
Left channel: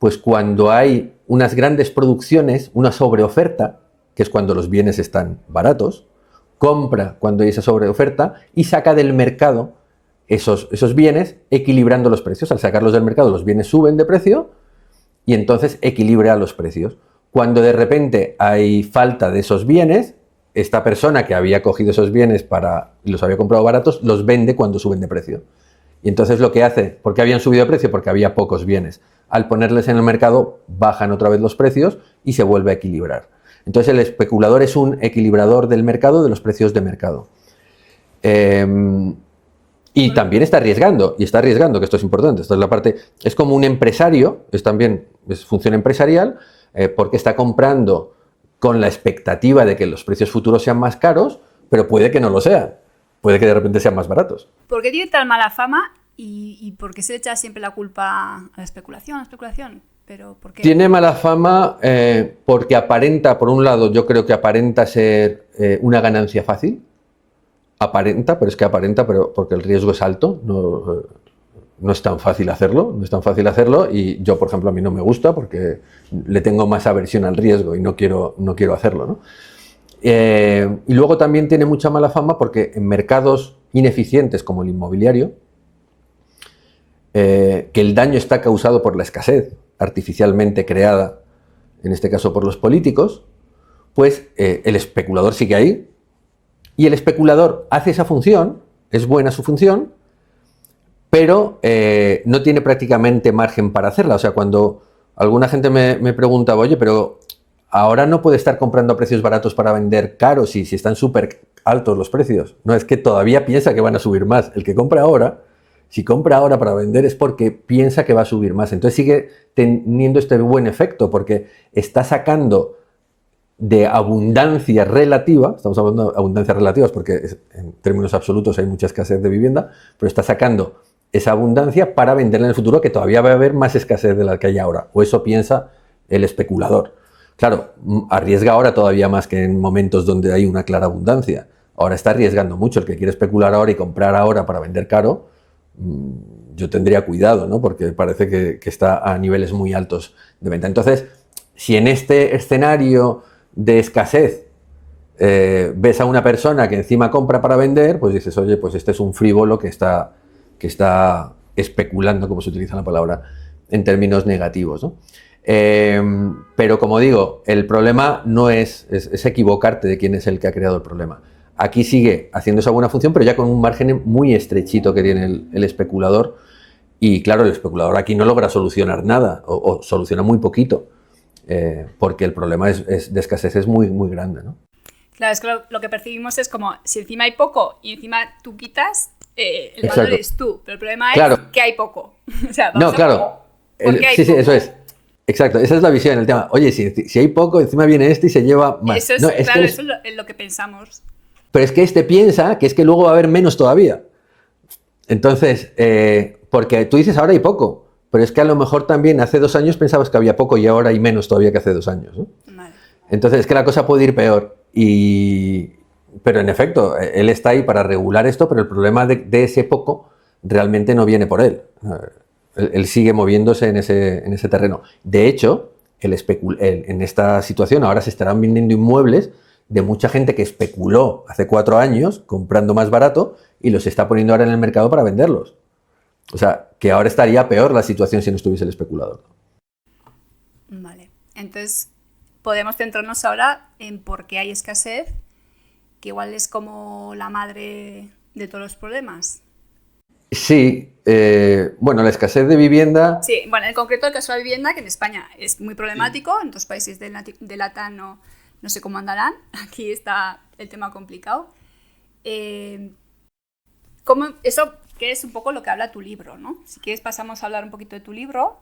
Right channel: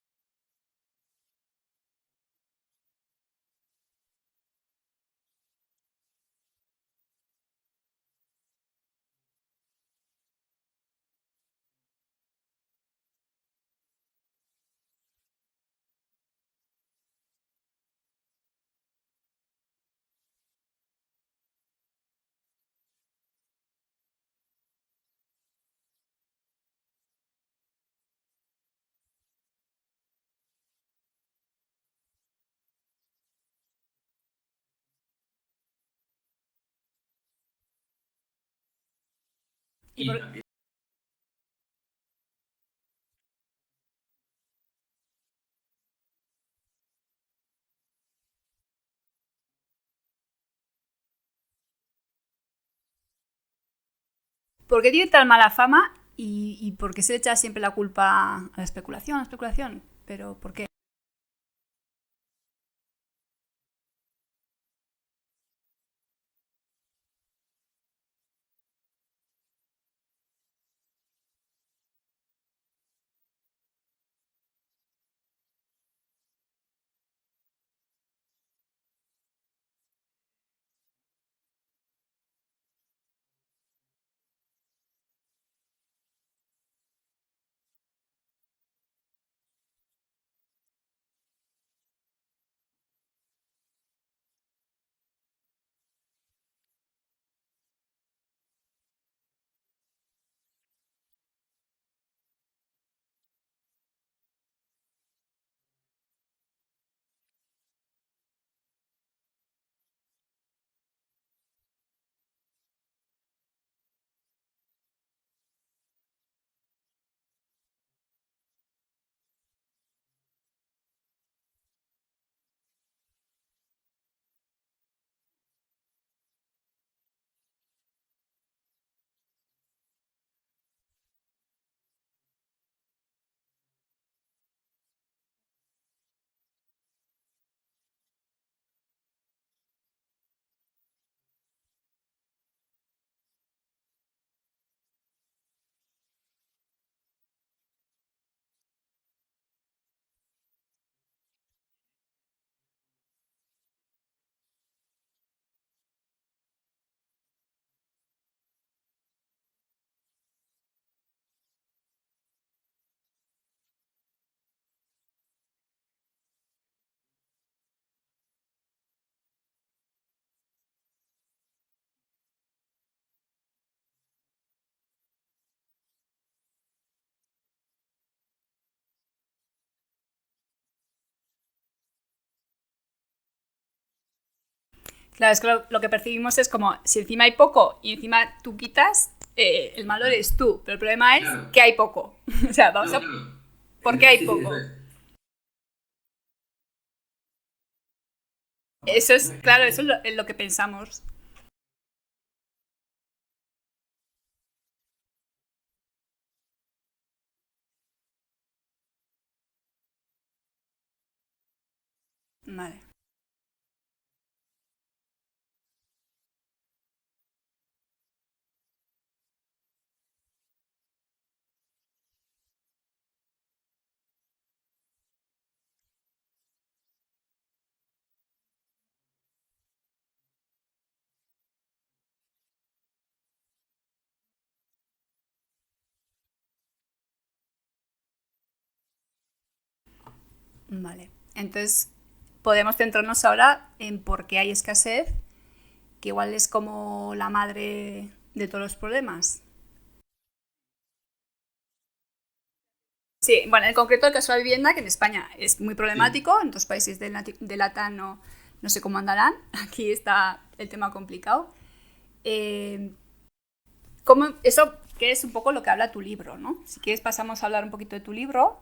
pues cuando hay unas grandes producciones, una sobreoferta, que es cuando los bienes están baratos, compra cuando hay esa sobreoferta y saca del mercado esos bienes equilibrando los precios. Al sacarlos del mercado los bienes suben de precio y entonces equilibra los precios. Cuando de repente hay falta de esos bienes, esta persona que había cogido esos bienes y los había comprado baratos, los vende cuando suben de precio. Y entonces lo que hace, ¿por qué habían subido de precio? Porque había pocos bienes. Al ponerles en el mercado, bajan otra vez los precios y se vuelve a equilibrar. Entonces el especulador es un equilibrador del mercado, de los precios de mercado. Y también está arriesgando, que esto es importante. Esta es la parte, es como un empresario, es función empresarial, porque está comprando con la expectativa de que los precios futuros sean más caros, pero puede que no lo sean. Puede que de repente sean más baratos. ¿Por qué tiene tan mala fama y por qué se echa siempre la culpa a la especulación? ¿Pero por qué? Tiene mala fama porque aparenta, por un lado, yo creo que aparenta ser una ganancia fácil. Aparenta, pero porque el riesgo es alto. No es tan fácil hacerlo. Y yo, por ejemplo, a mí no me gusta porque le tengo más aversión al riesgo y no quiero hacerlo, ¿no? Y luego también tiene mucha mala fama porque en mercados ineficientes como el inmobiliario, que el daño está causado por la escasez artificialmente creada, en este caso por los políticos, pues el especulador sigue ahí y el especulador hace esa función, es buena su función, pero no tiene prácticamente margen para hacerla. O sea, cuando alguna gente me preguntaba, oye, pero ahora no puede estar comprando a precios baratos para vender caros si están súper altos los precios. No, es que todavía piensa que van a subir más. El que compra ahora, si compra ahora para vender es porque piensa que va a subir más. Entonces sigue teniendo este buen efecto porque está sacando de abundancia relativa, estamos hablando de abundancias relativas porque en términos absolutos hay mucha escasez de vivienda, pero está sacando esa abundancia para venderla en el futuro, que todavía va a haber más escasez de la que hay ahora. O eso piensa el especulador. Claro, arriesga ahora todavía más que en momentos donde hay una clara abundancia. Ahora está arriesgando mucho. El que quiere especular ahora y comprar ahora para vender caro, yo tendría cuidado, ¿no? Porque parece que está a niveles muy altos de venta. Entonces, si en este escenario de escasez ves a una persona que encima compra para vender, pues dices, oye, pues este es un frívolo que está especulando, como se utiliza la palabra, en términos negativos, ¿no? Pero como digo, el problema no es equivocarte de quién es el que ha creado el problema. Aquí sigue haciendo esa buena función, pero ya con un margen muy estrechito que tiene el especulador. Y claro, el especulador aquí no logra solucionar nada, o soluciona muy poquito, porque el problema de escasez es muy, muy grande, ¿no? Claro, es que lo que percibimos es como, si encima hay poco y encima tú quitas, el malo eres tú. Pero el problema es que hay poco. O sea, vamos ¿por qué hay poco? Sí, eso es. Exacto, esa es la visión del tema. Oye, si hay poco, encima viene este y se lleva más. Eso es, claro, eso es lo que pensamos. Pero es que este piensa que es que luego va a haber menos todavía. Entonces, porque tú dices ahora hay poco, pero es que a lo mejor también hace 2 años pensabas que había poco y ahora hay menos todavía que hace 2 años, ¿no? Vale. Entonces es que la cosa puede ir peor. Pero en efecto, él está ahí para regular esto, pero el problema de ese poco realmente no viene por él. Él sigue moviéndose en ese terreno. De hecho, en esta situación ahora se estarán vendiendo inmuebles de mucha gente que especuló hace 4 años comprando más barato y los está poniendo ahora en el mercado para venderlos. O sea, que ahora estaría peor la situación si no estuviese el especulador. Vale, entonces podemos centrarnos ahora en por qué hay escasez, que igual es como la madre de todos los problemas. Sí, bueno, la escasez de vivienda... Sí, bueno, en concreto el caso de la vivienda, que en España es muy problemático, en otros países de LATAM no sé cómo andarán, aquí está el tema complicado. Eso que es un poco lo que habla tu libro, ¿no? Si quieres pasamos a hablar un poquito de tu libro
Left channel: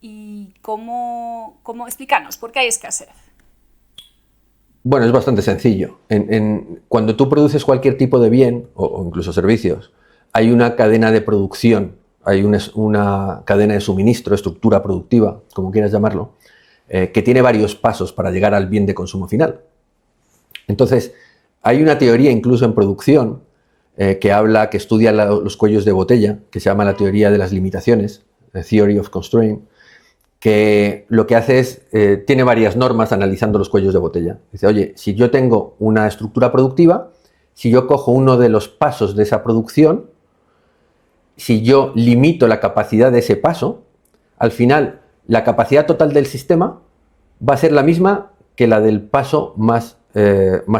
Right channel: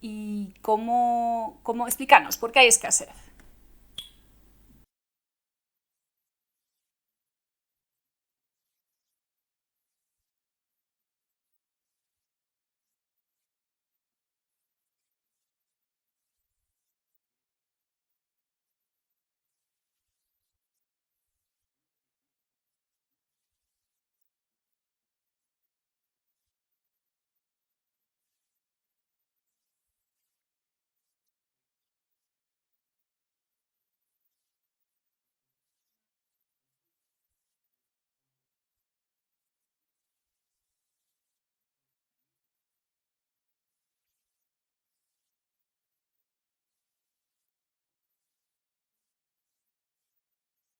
y cómo explícanos, ¿por qué hay escasez? Bueno, es bastante sencillo. Cuando tú produces cualquier tipo de bien, o incluso servicios, hay una cadena de producción, hay una cadena de suministro, estructura productiva, como quieras llamarlo, que tiene varios pasos para llegar al bien de consumo final. Entonces, hay una teoría incluso en producción que estudia los cuellos de botella, que se llama la teoría de las limitaciones, the Theory of Constraint, que lo que hace es, tiene varias normas analizando los cuellos de botella. Dice, oye, si yo tengo una estructura productiva, si yo cojo uno de los pasos de esa producción, si yo limito la capacidad de ese paso, al final la capacidad total del sistema va a ser la misma que la del paso más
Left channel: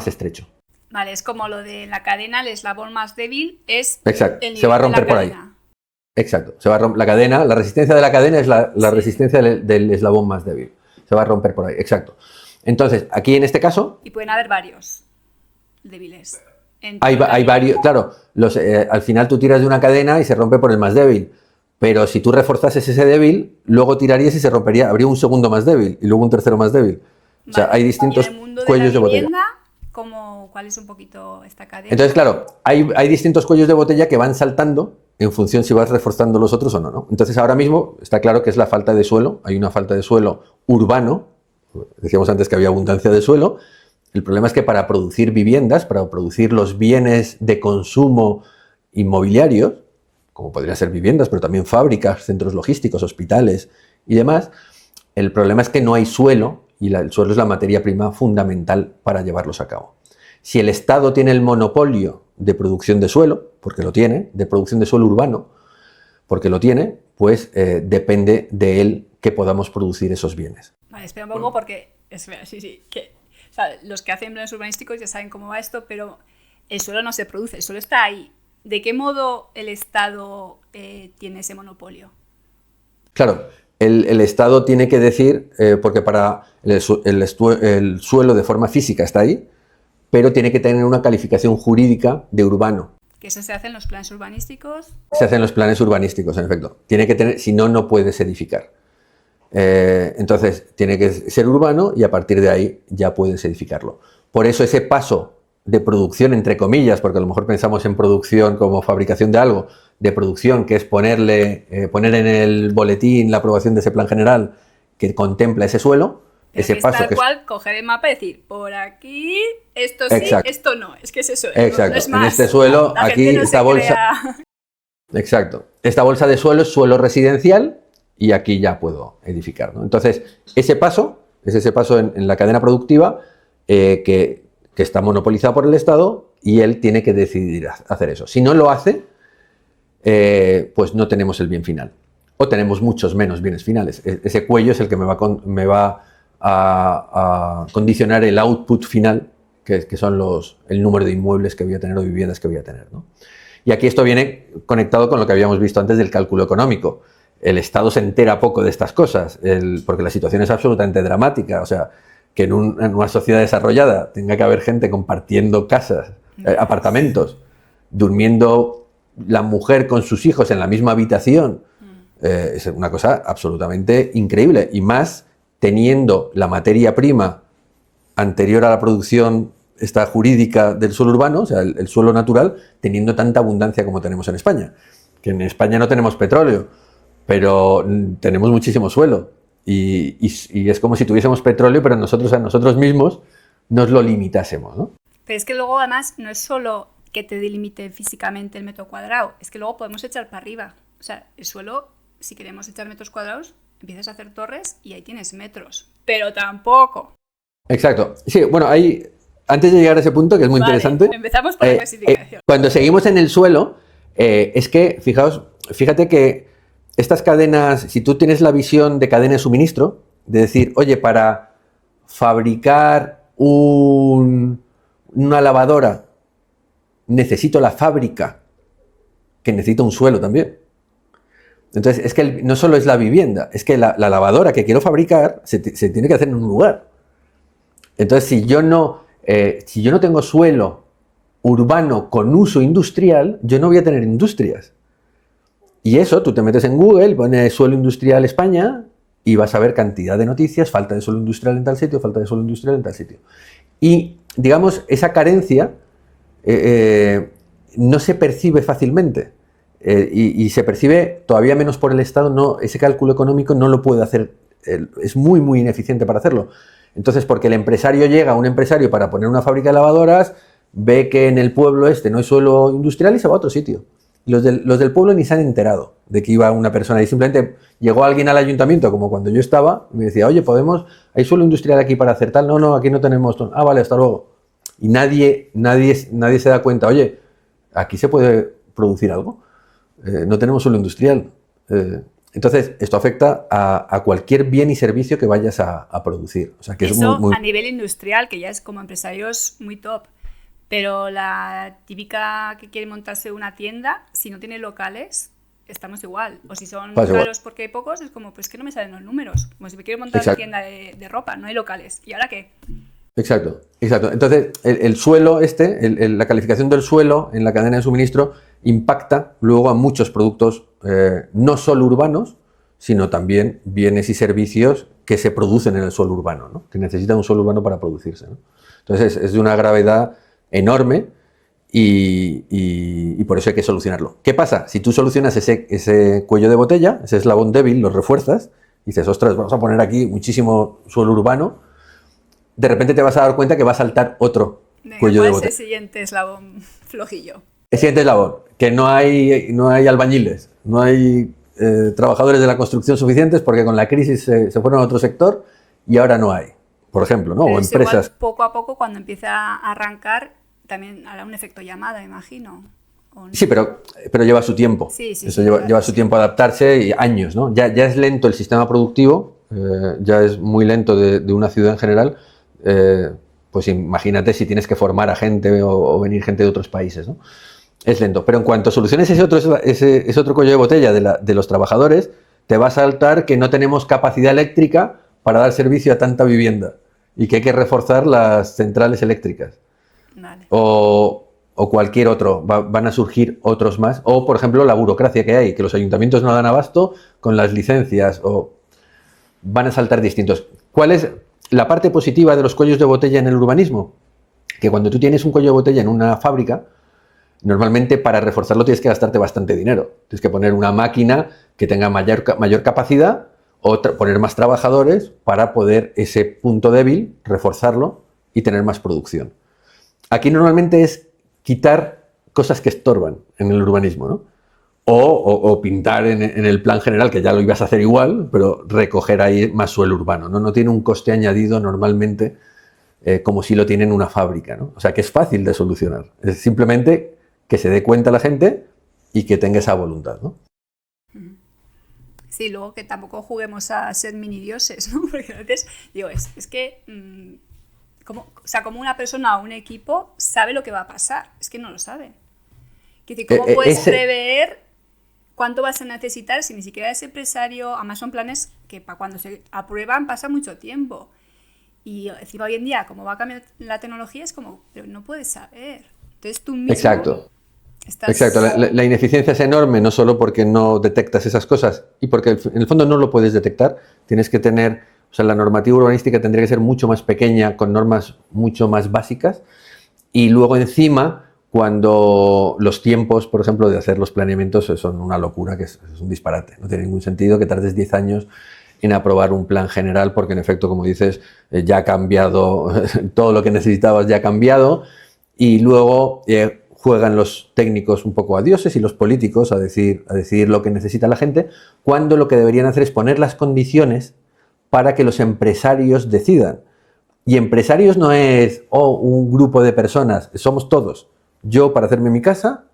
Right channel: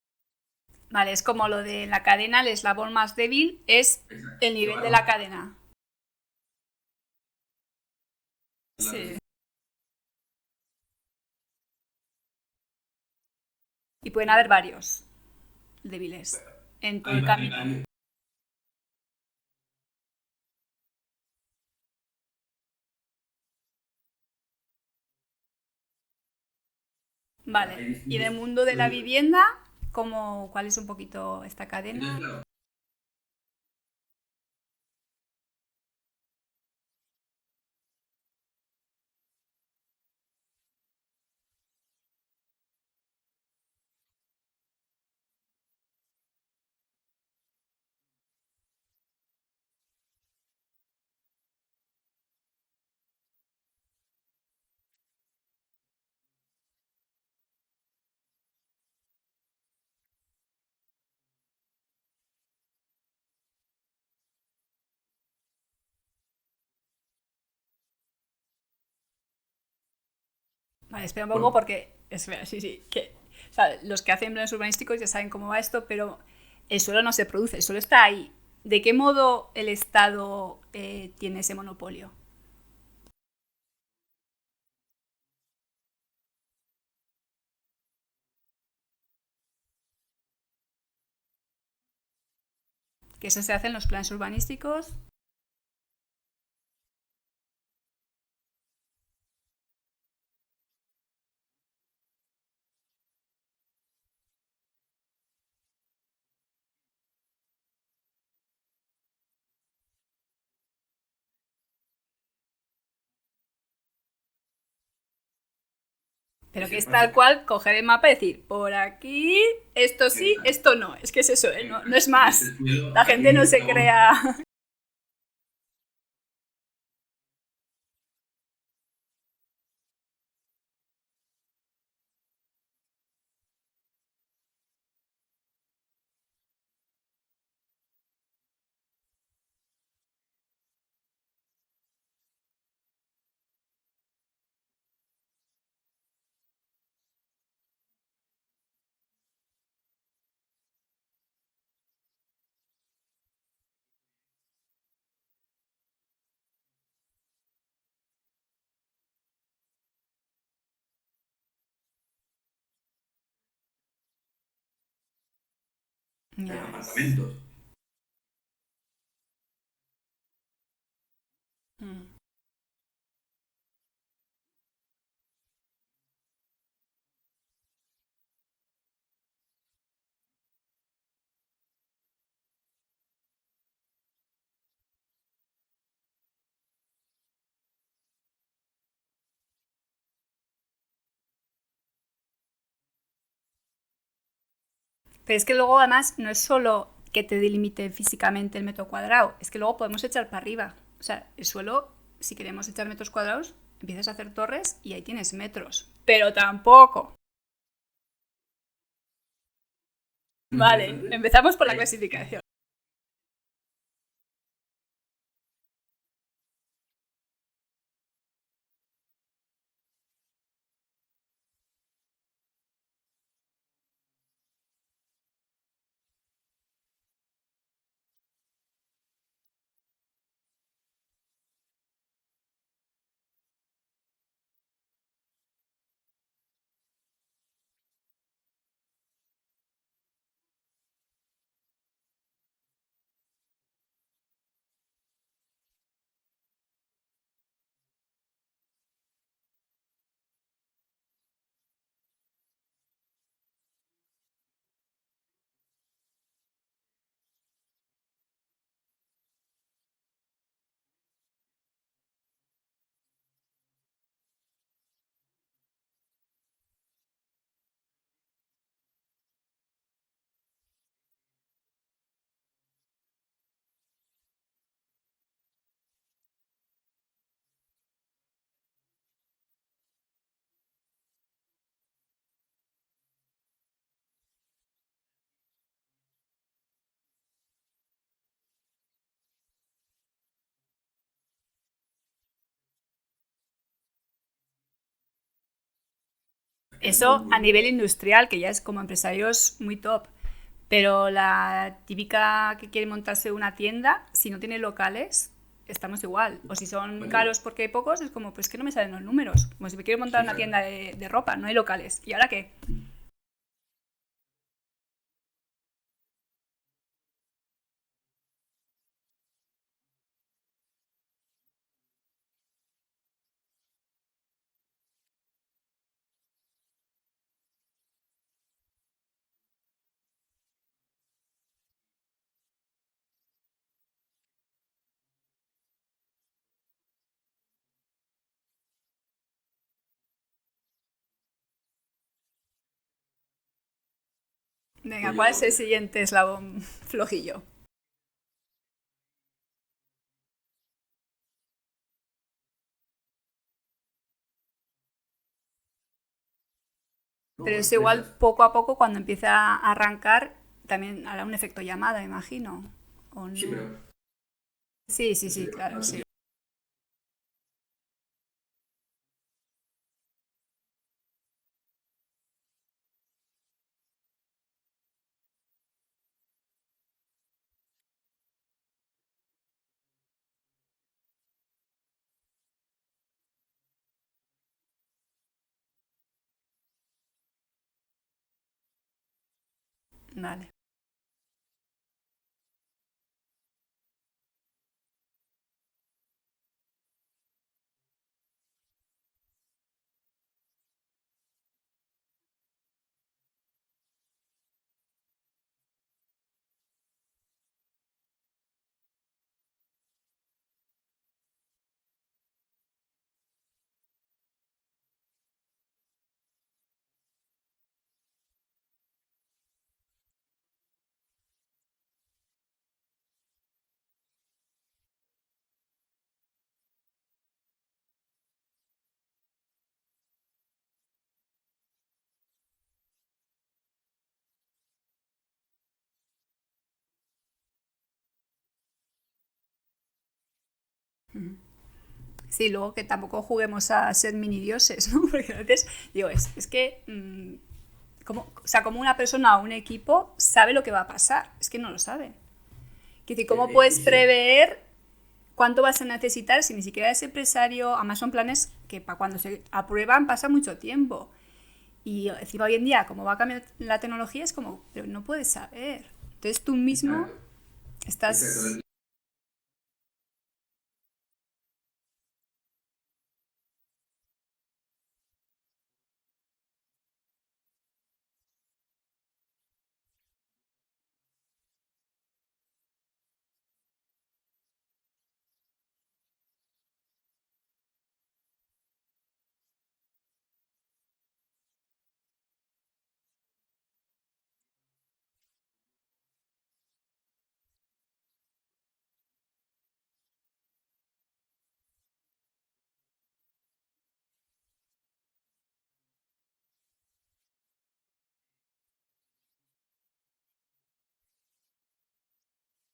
estrecho. Vale, es como lo de la cadena, el eslabón más débil es Exacto. el nivel se va a romper de la por cadena. Ahí. Exacto, se va a romper la cadena, la resistencia de la cadena es la resistencia del eslabón más débil. Se va a romper por ahí, exacto. Entonces, aquí en este caso... Y pueden haber varios débiles. Hay varios, claro, al final tú tiras de una cadena y se rompe por el más débil. Pero si tú reforzases ese débil, luego tirarías y se rompería, habría un segundo más débil y luego un tercero más débil. Vale. O sea, hay distintos cuellos de botella. ¿Y en el mundo de la vivienda, cuál es un poquito esta cadena? Entonces, claro, hay distintos cuellos de botella que van saltando en función si vas reforzando los otros o no, ¿no? Entonces, ahora mismo está claro que es la falta de suelo. Hay una falta de suelo urbano. Decíamos antes que había abundancia de suelo. El problema es que para producir viviendas, para producir los bienes de consumo inmobiliarios, como podrían ser viviendas, pero también fábricas, centros logísticos, hospitales y demás, el problema es que no hay suelo y el suelo es la materia prima fundamental para llevarlos a cabo. Si el Estado tiene el monopolio de producción de suelo, porque lo tiene, de producción de suelo urbano, porque lo tiene, pues depende de él que podamos producir esos bienes. Vale, espera un poco porque, o sea, los que hacen planes urbanísticos ya saben cómo va esto, pero el suelo no se produce, el suelo está ahí. ¿De qué modo el Estado tiene ese monopolio? Claro, el Estado tiene que decir, porque para el suelo de forma física está ahí, pero tiene que tener una calificación jurídica de urbano. ¿Que eso se hace en los planes urbanísticos? Se hace en los planes urbanísticos, en efecto. Tiene que tener, si no, no puedes edificar. Entonces, tiene que ser urbano y a partir de ahí ya puedes edificarlo. Por eso ese paso de producción, entre comillas, porque a lo mejor pensamos en producción como fabricación de algo, de producción, que es poner en el boletín la aprobación de ese plan general que contempla ese suelo. Pero ese que paso es tal cual coger el mapa y decir, por aquí, esto sí, exacto, esto no. Es que es eso, exacto, no es más. En este suelo, la aquí gente no esta se bolsa. Crea... Exacto. Esta bolsa de suelo es suelo residencial y aquí ya puedo edificar, ¿no? Entonces, ese paso en la cadena productiva que que está monopolizado por el Estado y él tiene que decidir hacer eso. Si no lo hace, pues no tenemos el bien final. O tenemos muchos menos bienes finales. Ese cuello es el que me va a condicionar el output final, que son el número de inmuebles que voy a tener o viviendas que voy a tener, ¿no? Y aquí esto viene conectado con lo que habíamos visto antes del cálculo económico. El Estado se entera poco de estas cosas, porque la situación es absolutamente dramática. O sea, que en una sociedad desarrollada tenga que haber gente compartiendo casas, apartamentos, durmiendo la mujer con sus hijos en la misma habitación, es una cosa absolutamente increíble. Y más teniendo la materia prima anterior a la producción esta jurídica del suelo urbano, o sea, el suelo natural, teniendo tanta abundancia como tenemos en España. Que en España no tenemos petróleo, pero tenemos muchísimo suelo. Y es como si tuviésemos petróleo, pero nosotros a nosotros mismos nos lo limitásemos, ¿no? Pero es que luego además no es solo que te delimite físicamente el metro cuadrado, es que luego podemos echar para arriba. O sea, el suelo, si queremos echar metros cuadrados, empiezas a hacer torres y ahí tienes metros. Pero tampoco. Exacto. Sí, bueno, antes de llegar a ese punto, que es muy interesante. Empezamos por la clasificación. Cuando seguimos en el suelo, es que, fíjate que estas cadenas, si tú tienes la visión de cadena de suministro, de decir, oye, para fabricar una lavadora necesito la fábrica, que necesita un suelo también. Entonces, es que no solo es la vivienda, es que la lavadora que quiero fabricar se tiene que hacer en un lugar. Entonces, si yo no tengo suelo urbano con uso industrial, yo no voy a tener industrias. Y eso, tú te metes en Google, pones suelo industrial España y vas a ver cantidad de noticias, falta de suelo industrial en tal sitio, falta de suelo industrial en tal sitio. Y, digamos, esa carencia no se percibe fácilmente. Y se percibe todavía menos por el Estado. Ese cálculo económico no lo puede hacer, es muy, muy ineficiente para hacerlo. Entonces, porque el empresario llega, un empresario para poner una fábrica de lavadoras, ve que en el pueblo no hay suelo industrial y se va a otro sitio. Los del pueblo ni se han enterado de que iba una persona y simplemente llegó alguien al ayuntamiento, como cuando yo estaba, y me decía, oye, ¿hay suelo industrial aquí para hacer tal? No, aquí no tenemos. Ah, vale, hasta luego. Y nadie se da cuenta, oye, aquí se puede producir algo. No tenemos suelo industrial. Entonces, esto afecta a cualquier bien y servicio que vayas a producir. O sea, que eso es muy... a nivel industrial, que ya es como empresarios muy top. Pero la típica que quiere montarse una tienda, si no tiene locales, estamos igual. O si son caros igual porque hay pocos, es como, pues que no me salen los números. Como si me quiero montar una tienda de ropa, no hay locales. ¿Y ahora qué? Exacto. Entonces, el suelo la calificación del suelo en la cadena de suministro impacta luego a muchos productos, no solo urbanos, sino también bienes y servicios que se producen en el suelo urbano, ¿no? Que necesitan un suelo urbano para producirse, ¿no? Entonces, es de una gravedad enorme y por eso hay que solucionarlo. ¿Qué pasa? Si tú solucionas ese cuello de botella, ese eslabón débil, lo refuerzas, y dices, ostras, vamos a poner aquí muchísimo suelo urbano, de repente te vas a dar cuenta que va a saltar otro cuello de botella. ¿Cuál es el siguiente eslabón flojillo? El siguiente eslabón, que no hay albañiles, no hay trabajadores de la construcción suficientes porque con la crisis se fueron a otro sector y ahora no hay, por ejemplo, ¿no? Pero o es empresas. Igual poco a poco, cuando empieza a arrancar, también hará un efecto llamada, imagino. ¿O no? Sí, pero lleva su tiempo. Sí, Eso lleva su tiempo adaptarse y años, ¿no? Ya es lento el sistema productivo, ya es muy lento de una ciudad en general. Pues imagínate si tienes que formar a gente o venir gente de otros países, ¿no? Es lento. Pero en cuanto soluciones ese otro cuello de botella de los trabajadores, te va a saltar que no tenemos capacidad eléctrica para dar servicio a tanta vivienda y que hay que reforzar las centrales eléctricas. Vale. O cualquier otro. Van a surgir otros más. O, por ejemplo, la burocracia que hay, que los ayuntamientos no dan abasto con las licencias. O van a saltar distintos. ¿Cuál es la parte positiva de los cuellos de botella en el urbanismo? Que cuando tú tienes un cuello de botella en una fábrica, normalmente para reforzarlo tienes que gastarte bastante dinero. Tienes que poner una máquina que tenga mayor capacidad o poner más trabajadores para poder ese punto débil, reforzarlo y tener más producción. Aquí normalmente es quitar cosas que estorban en el urbanismo, ¿no? O pintar en el plan general, que ya lo ibas a hacer igual, pero recoger ahí más suelo urbano, ¿no? No tiene un coste añadido normalmente como si lo tienen una fábrica, ¿no? O sea, que es fácil de solucionar. Es simplemente que se dé cuenta la gente y que tenga esa voluntad, ¿no? Sí, luego que tampoco juguemos a ser mini dioses, ¿no? Porque a veces digo, es que como una persona o un equipo sabe lo que va a pasar, es que no lo sabe. Quiero decir, ¿cómo puedes prever cuánto vas a necesitar si ni siquiera ese empresario? Además son planes que para cuando se aprueban pasa mucho tiempo. Y encima hoy en día, como va a cambiar la tecnología, es como, pero no puedes saber. Entonces tú mismo... Exacto. Estás... Exacto, la ineficiencia es enorme, no solo porque no detectas esas cosas y porque en el fondo no lo puedes detectar, tienes que tener, o sea, la normativa urbanística tendría que ser mucho más pequeña, con normas mucho más básicas, y luego encima, cuando los tiempos, por ejemplo, de hacer los planeamientos son una locura, que es un disparate, no tiene ningún sentido que tardes 10 años en aprobar un plan general, porque en efecto, como dices, ya ha cambiado, todo lo que necesitabas ya ha cambiado, y luego... juegan los técnicos un poco a dioses y los políticos a decidir lo que necesita la gente, cuando lo que deberían hacer es poner las condiciones para que los empresarios decidan. Y empresarios no es un grupo de personas, somos todos. Yo para hacerme mi casa,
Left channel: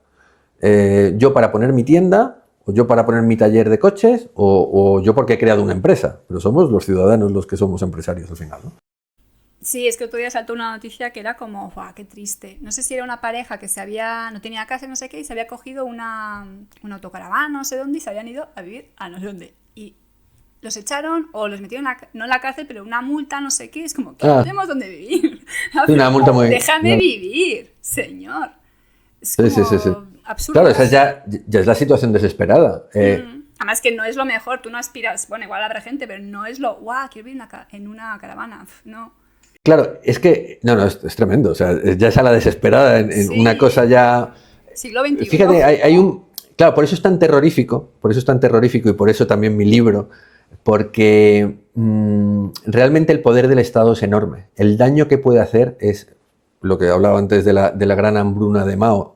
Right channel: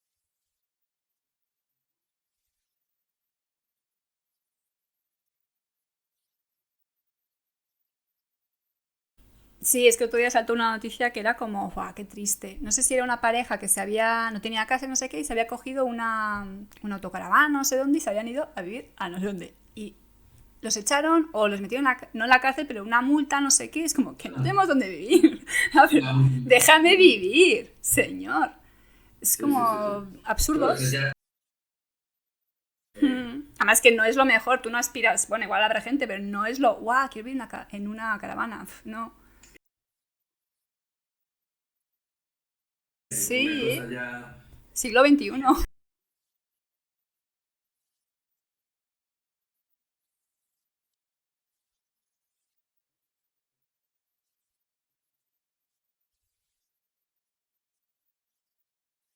yo para poner mi tienda, o yo para poner mi taller de coches, o yo porque he creado una empresa. Pero somos los ciudadanos los que somos empresarios al final, ¿no? Sí, es que otro día saltó una noticia que era como, ¡guau, qué triste! No sé si era una pareja que no tenía casa, no sé qué, y se había cogido una autocaravana, no sé dónde, y se habían ido a vivir a no sé dónde. Y los echaron o los metieron, no en la cárcel, pero una multa, no sé qué. Es como, que no tenemos dónde vivir. Una multa muy... Déjame vivir, señor. Es como sí. absurdo. Claro, esa ya es la situación desesperada. Además que no es lo mejor, tú no aspiras, bueno, igual habrá gente, pero no es lo, ¡guau, quiero vivir en una caravana! No. Claro, es que, no, es tremendo, o sea, ya es a la desesperada, en una cosa ya... Siglo XXI. Fíjate, hay un... Claro, por eso es tan terrorífico, y por eso también mi libro, porque realmente el poder del Estado es enorme. El daño que puede hacer es lo que hablaba antes de la gran hambruna de Mao.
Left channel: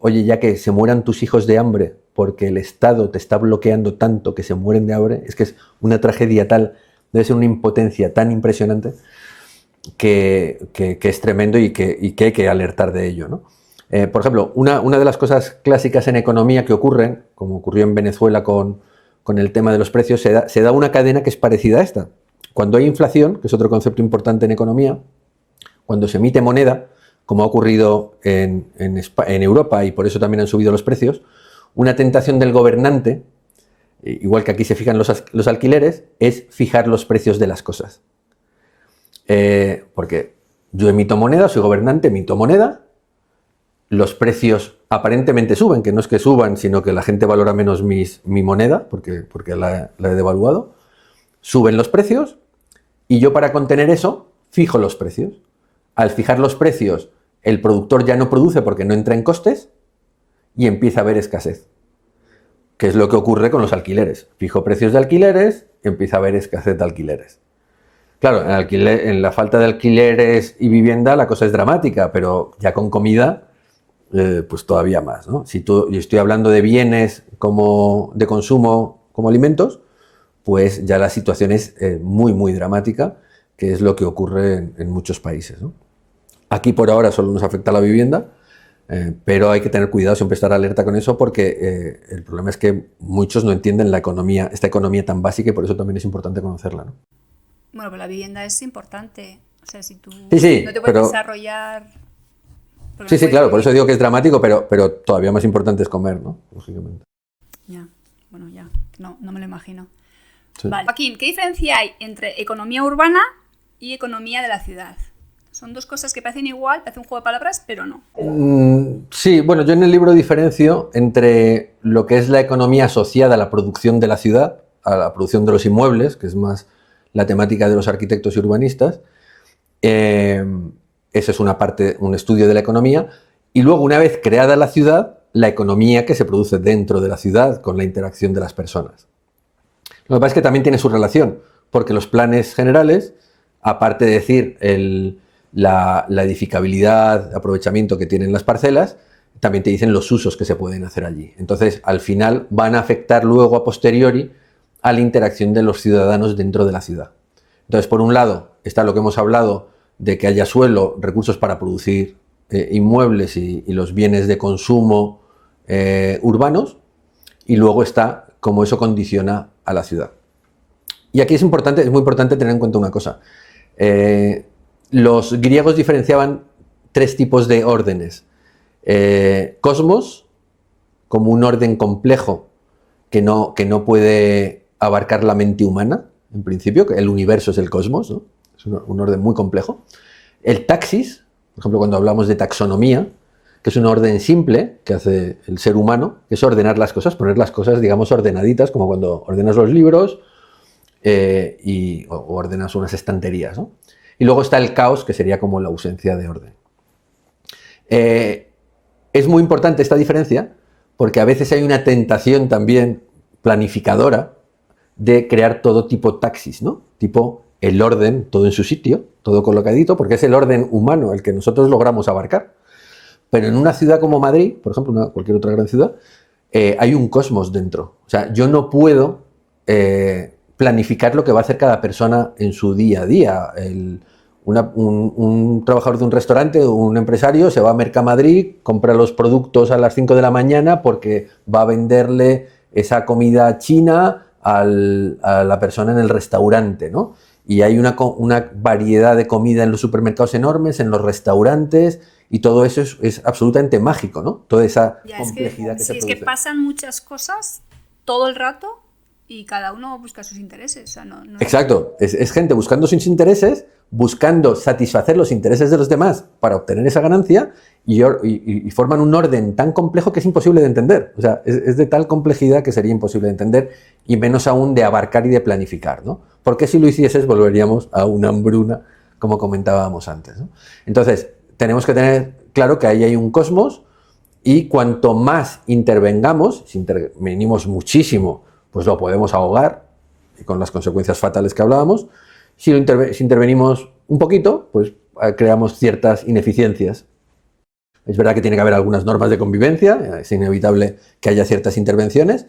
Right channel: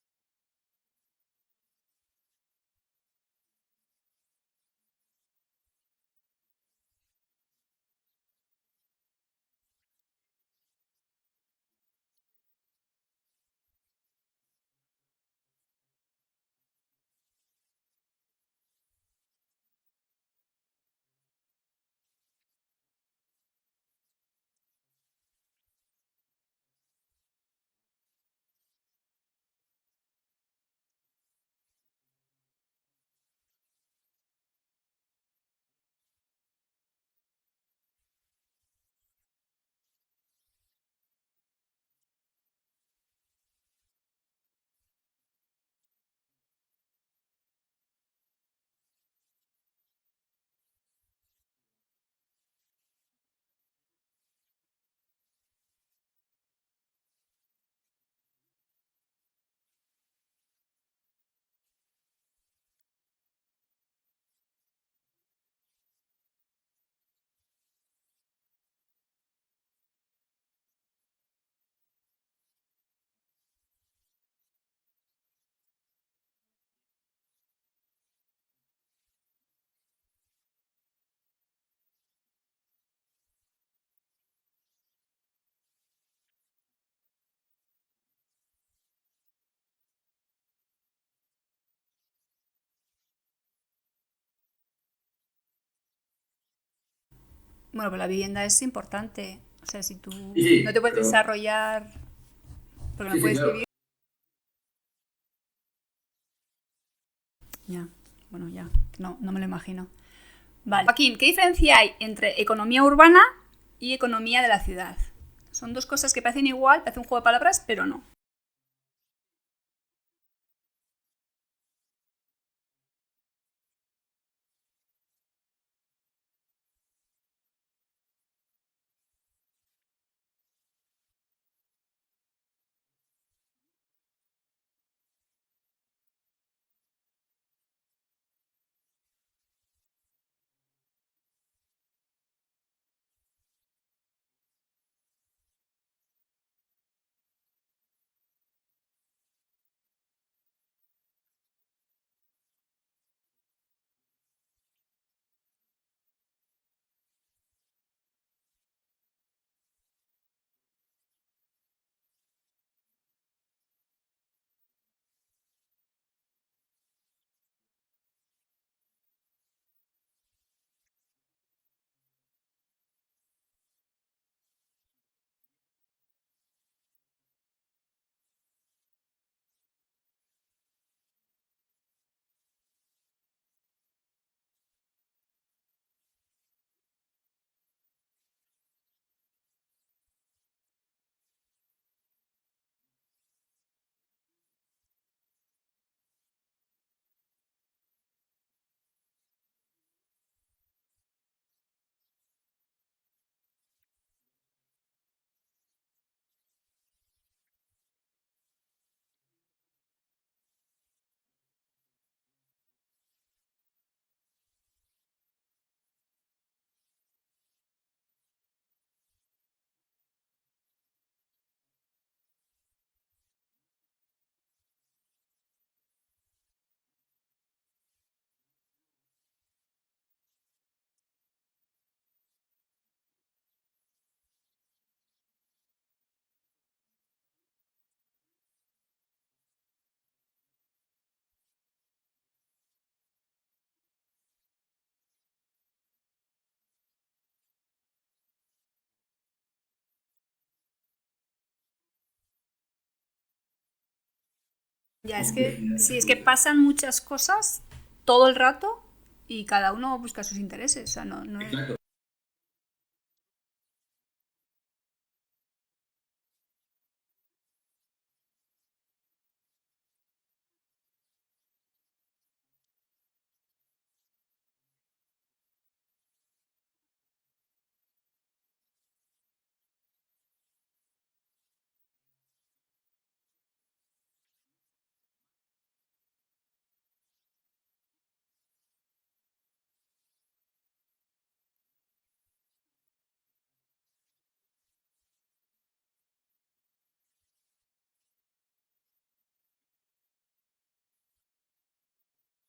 Oye, ya que se mueran tus hijos de hambre porque el Estado te está bloqueando tanto que se mueren de hambre, es que es una tragedia tal, debe ser una impotencia tan impresionante que es tremendo y que hay que alertar de ello, ¿no? Por ejemplo, una de las cosas clásicas en economía que ocurren, como ocurrió en Venezuela con el tema de los precios, se da una cadena que es parecida a esta. Cuando hay inflación, que es otro concepto importante en economía, cuando se emite moneda, como ha ocurrido en Europa, y por eso también han subido los precios, una tentación del gobernante, igual que aquí se fijan los alquileres, es fijar los precios de las cosas. Porque yo emito moneda, soy gobernante, emito moneda, los precios aparentemente suben, que no es que suban, sino que la gente valora menos mi moneda, porque la he devaluado, suben los precios, y yo para contener eso, fijo los precios. Al fijar los precios, el productor ya no produce porque no entra en costes, y empieza a haber escasez, que es lo que ocurre con los alquileres. Fijo precios de alquileres, empieza a haber escasez de alquileres. Claro, en la falta de alquileres y vivienda la cosa es dramática, pero ya con comida, pues todavía más, ¿no? Yo estoy hablando de bienes de consumo como alimentos, pues ya la situación es muy, muy dramática, que es lo que ocurre en muchos países, ¿no? Aquí por ahora solo nos afecta la vivienda, pero hay que tener cuidado, siempre estar alerta con eso, porque el problema es que muchos no entienden esta economía tan básica, y por eso también es importante conocerla, ¿no? Bueno, pero la vivienda es importante. O sea, si tú no te puedes desarrollar... Sí, claro, por eso digo que es dramático, pero todavía más importante es comer, ¿no? Lógicamente. Ya, bueno, ya. No me lo imagino. Sí. Vale. Joaquín, ¿qué diferencia hay entre economía urbana y economía de la ciudad? Son dos cosas que parecen igual, parece un juego de palabras, pero no. Sí, bueno, yo en el libro diferencio entre lo que es la economía asociada a la producción de la ciudad, a la producción de los inmuebles, que es más la temática de los arquitectos y urbanistas. Esa es una parte, un estudio de la economía. Y luego, una vez creada la ciudad, la economía que se produce dentro de la ciudad con la interacción de las personas. Lo que pasa es que también tiene su relación, porque los planes generales, aparte de decir la edificabilidad, aprovechamiento que tienen las parcelas, también te dicen los usos que se pueden hacer allí. Entonces, al final, van a afectar luego a posteriori a la interacción de los ciudadanos dentro de la ciudad. Entonces, por un lado, está lo que hemos hablado de que haya suelo, recursos para producir inmuebles y los bienes de consumo urbanos, y luego está cómo eso condiciona a la ciudad. Y aquí es muy importante tener en cuenta una cosa. Los griegos diferenciaban 3 tipos de órdenes. Cosmos, como un orden complejo que no puede abarcar la mente humana, en principio, que el universo es el cosmos, ¿no? Es un orden muy complejo. El taxis, por ejemplo, cuando hablamos de taxonomía, que es un orden simple que hace el ser humano, que es ordenar las cosas, poner las cosas, digamos, ordenaditas, como cuando ordenas los libros o ordenas unas estanterías, ¿no? Y luego está el caos, que sería como la ausencia de orden. Es muy importante esta diferencia porque a veces hay una tentación también planificadora de crear todo tipo taxis, ¿no? Tipo el orden, todo en su sitio, todo colocadito, porque es el orden humano el que nosotros logramos abarcar. Pero en una ciudad como Madrid, por ejemplo, cualquier otra gran ciudad, hay un cosmos dentro. O sea, yo no puedo planificar lo que va a hacer cada persona en su día a día. Un trabajador de un restaurante o un empresario se va a Mercamadrid, compra los productos a las 5 de la mañana porque va a venderle esa comida china a la persona en el restaurante, ¿no? Y hay una variedad de comida en los supermercados enormes, en los restaurantes, y todo eso es absolutamente mágico, ¿no? Toda esa complejidad que se produce. Es que pasan muchas cosas todo el rato y cada uno busca sus intereses. O sea, no... Exacto, es gente buscando sus intereses, buscando satisfacer los intereses de los demás para obtener esa ganancia, y forman un orden tan complejo que es imposible de entender. O sea, es de tal complejidad que sería imposible de entender, y menos aún de abarcar y de planificar, ¿no? Porque si lo hicieses volveríamos a una hambruna, como comentábamos antes, ¿no? Entonces, tenemos que tener claro que ahí hay un cosmos, y cuanto más intervengamos, si intervenimos muchísimo, pues lo podemos ahogar, y con las consecuencias fatales que hablábamos. Si intervenimos un poquito, pues creamos ciertas ineficiencias. Es verdad que tiene que haber algunas normas de convivencia, es inevitable que haya ciertas intervenciones,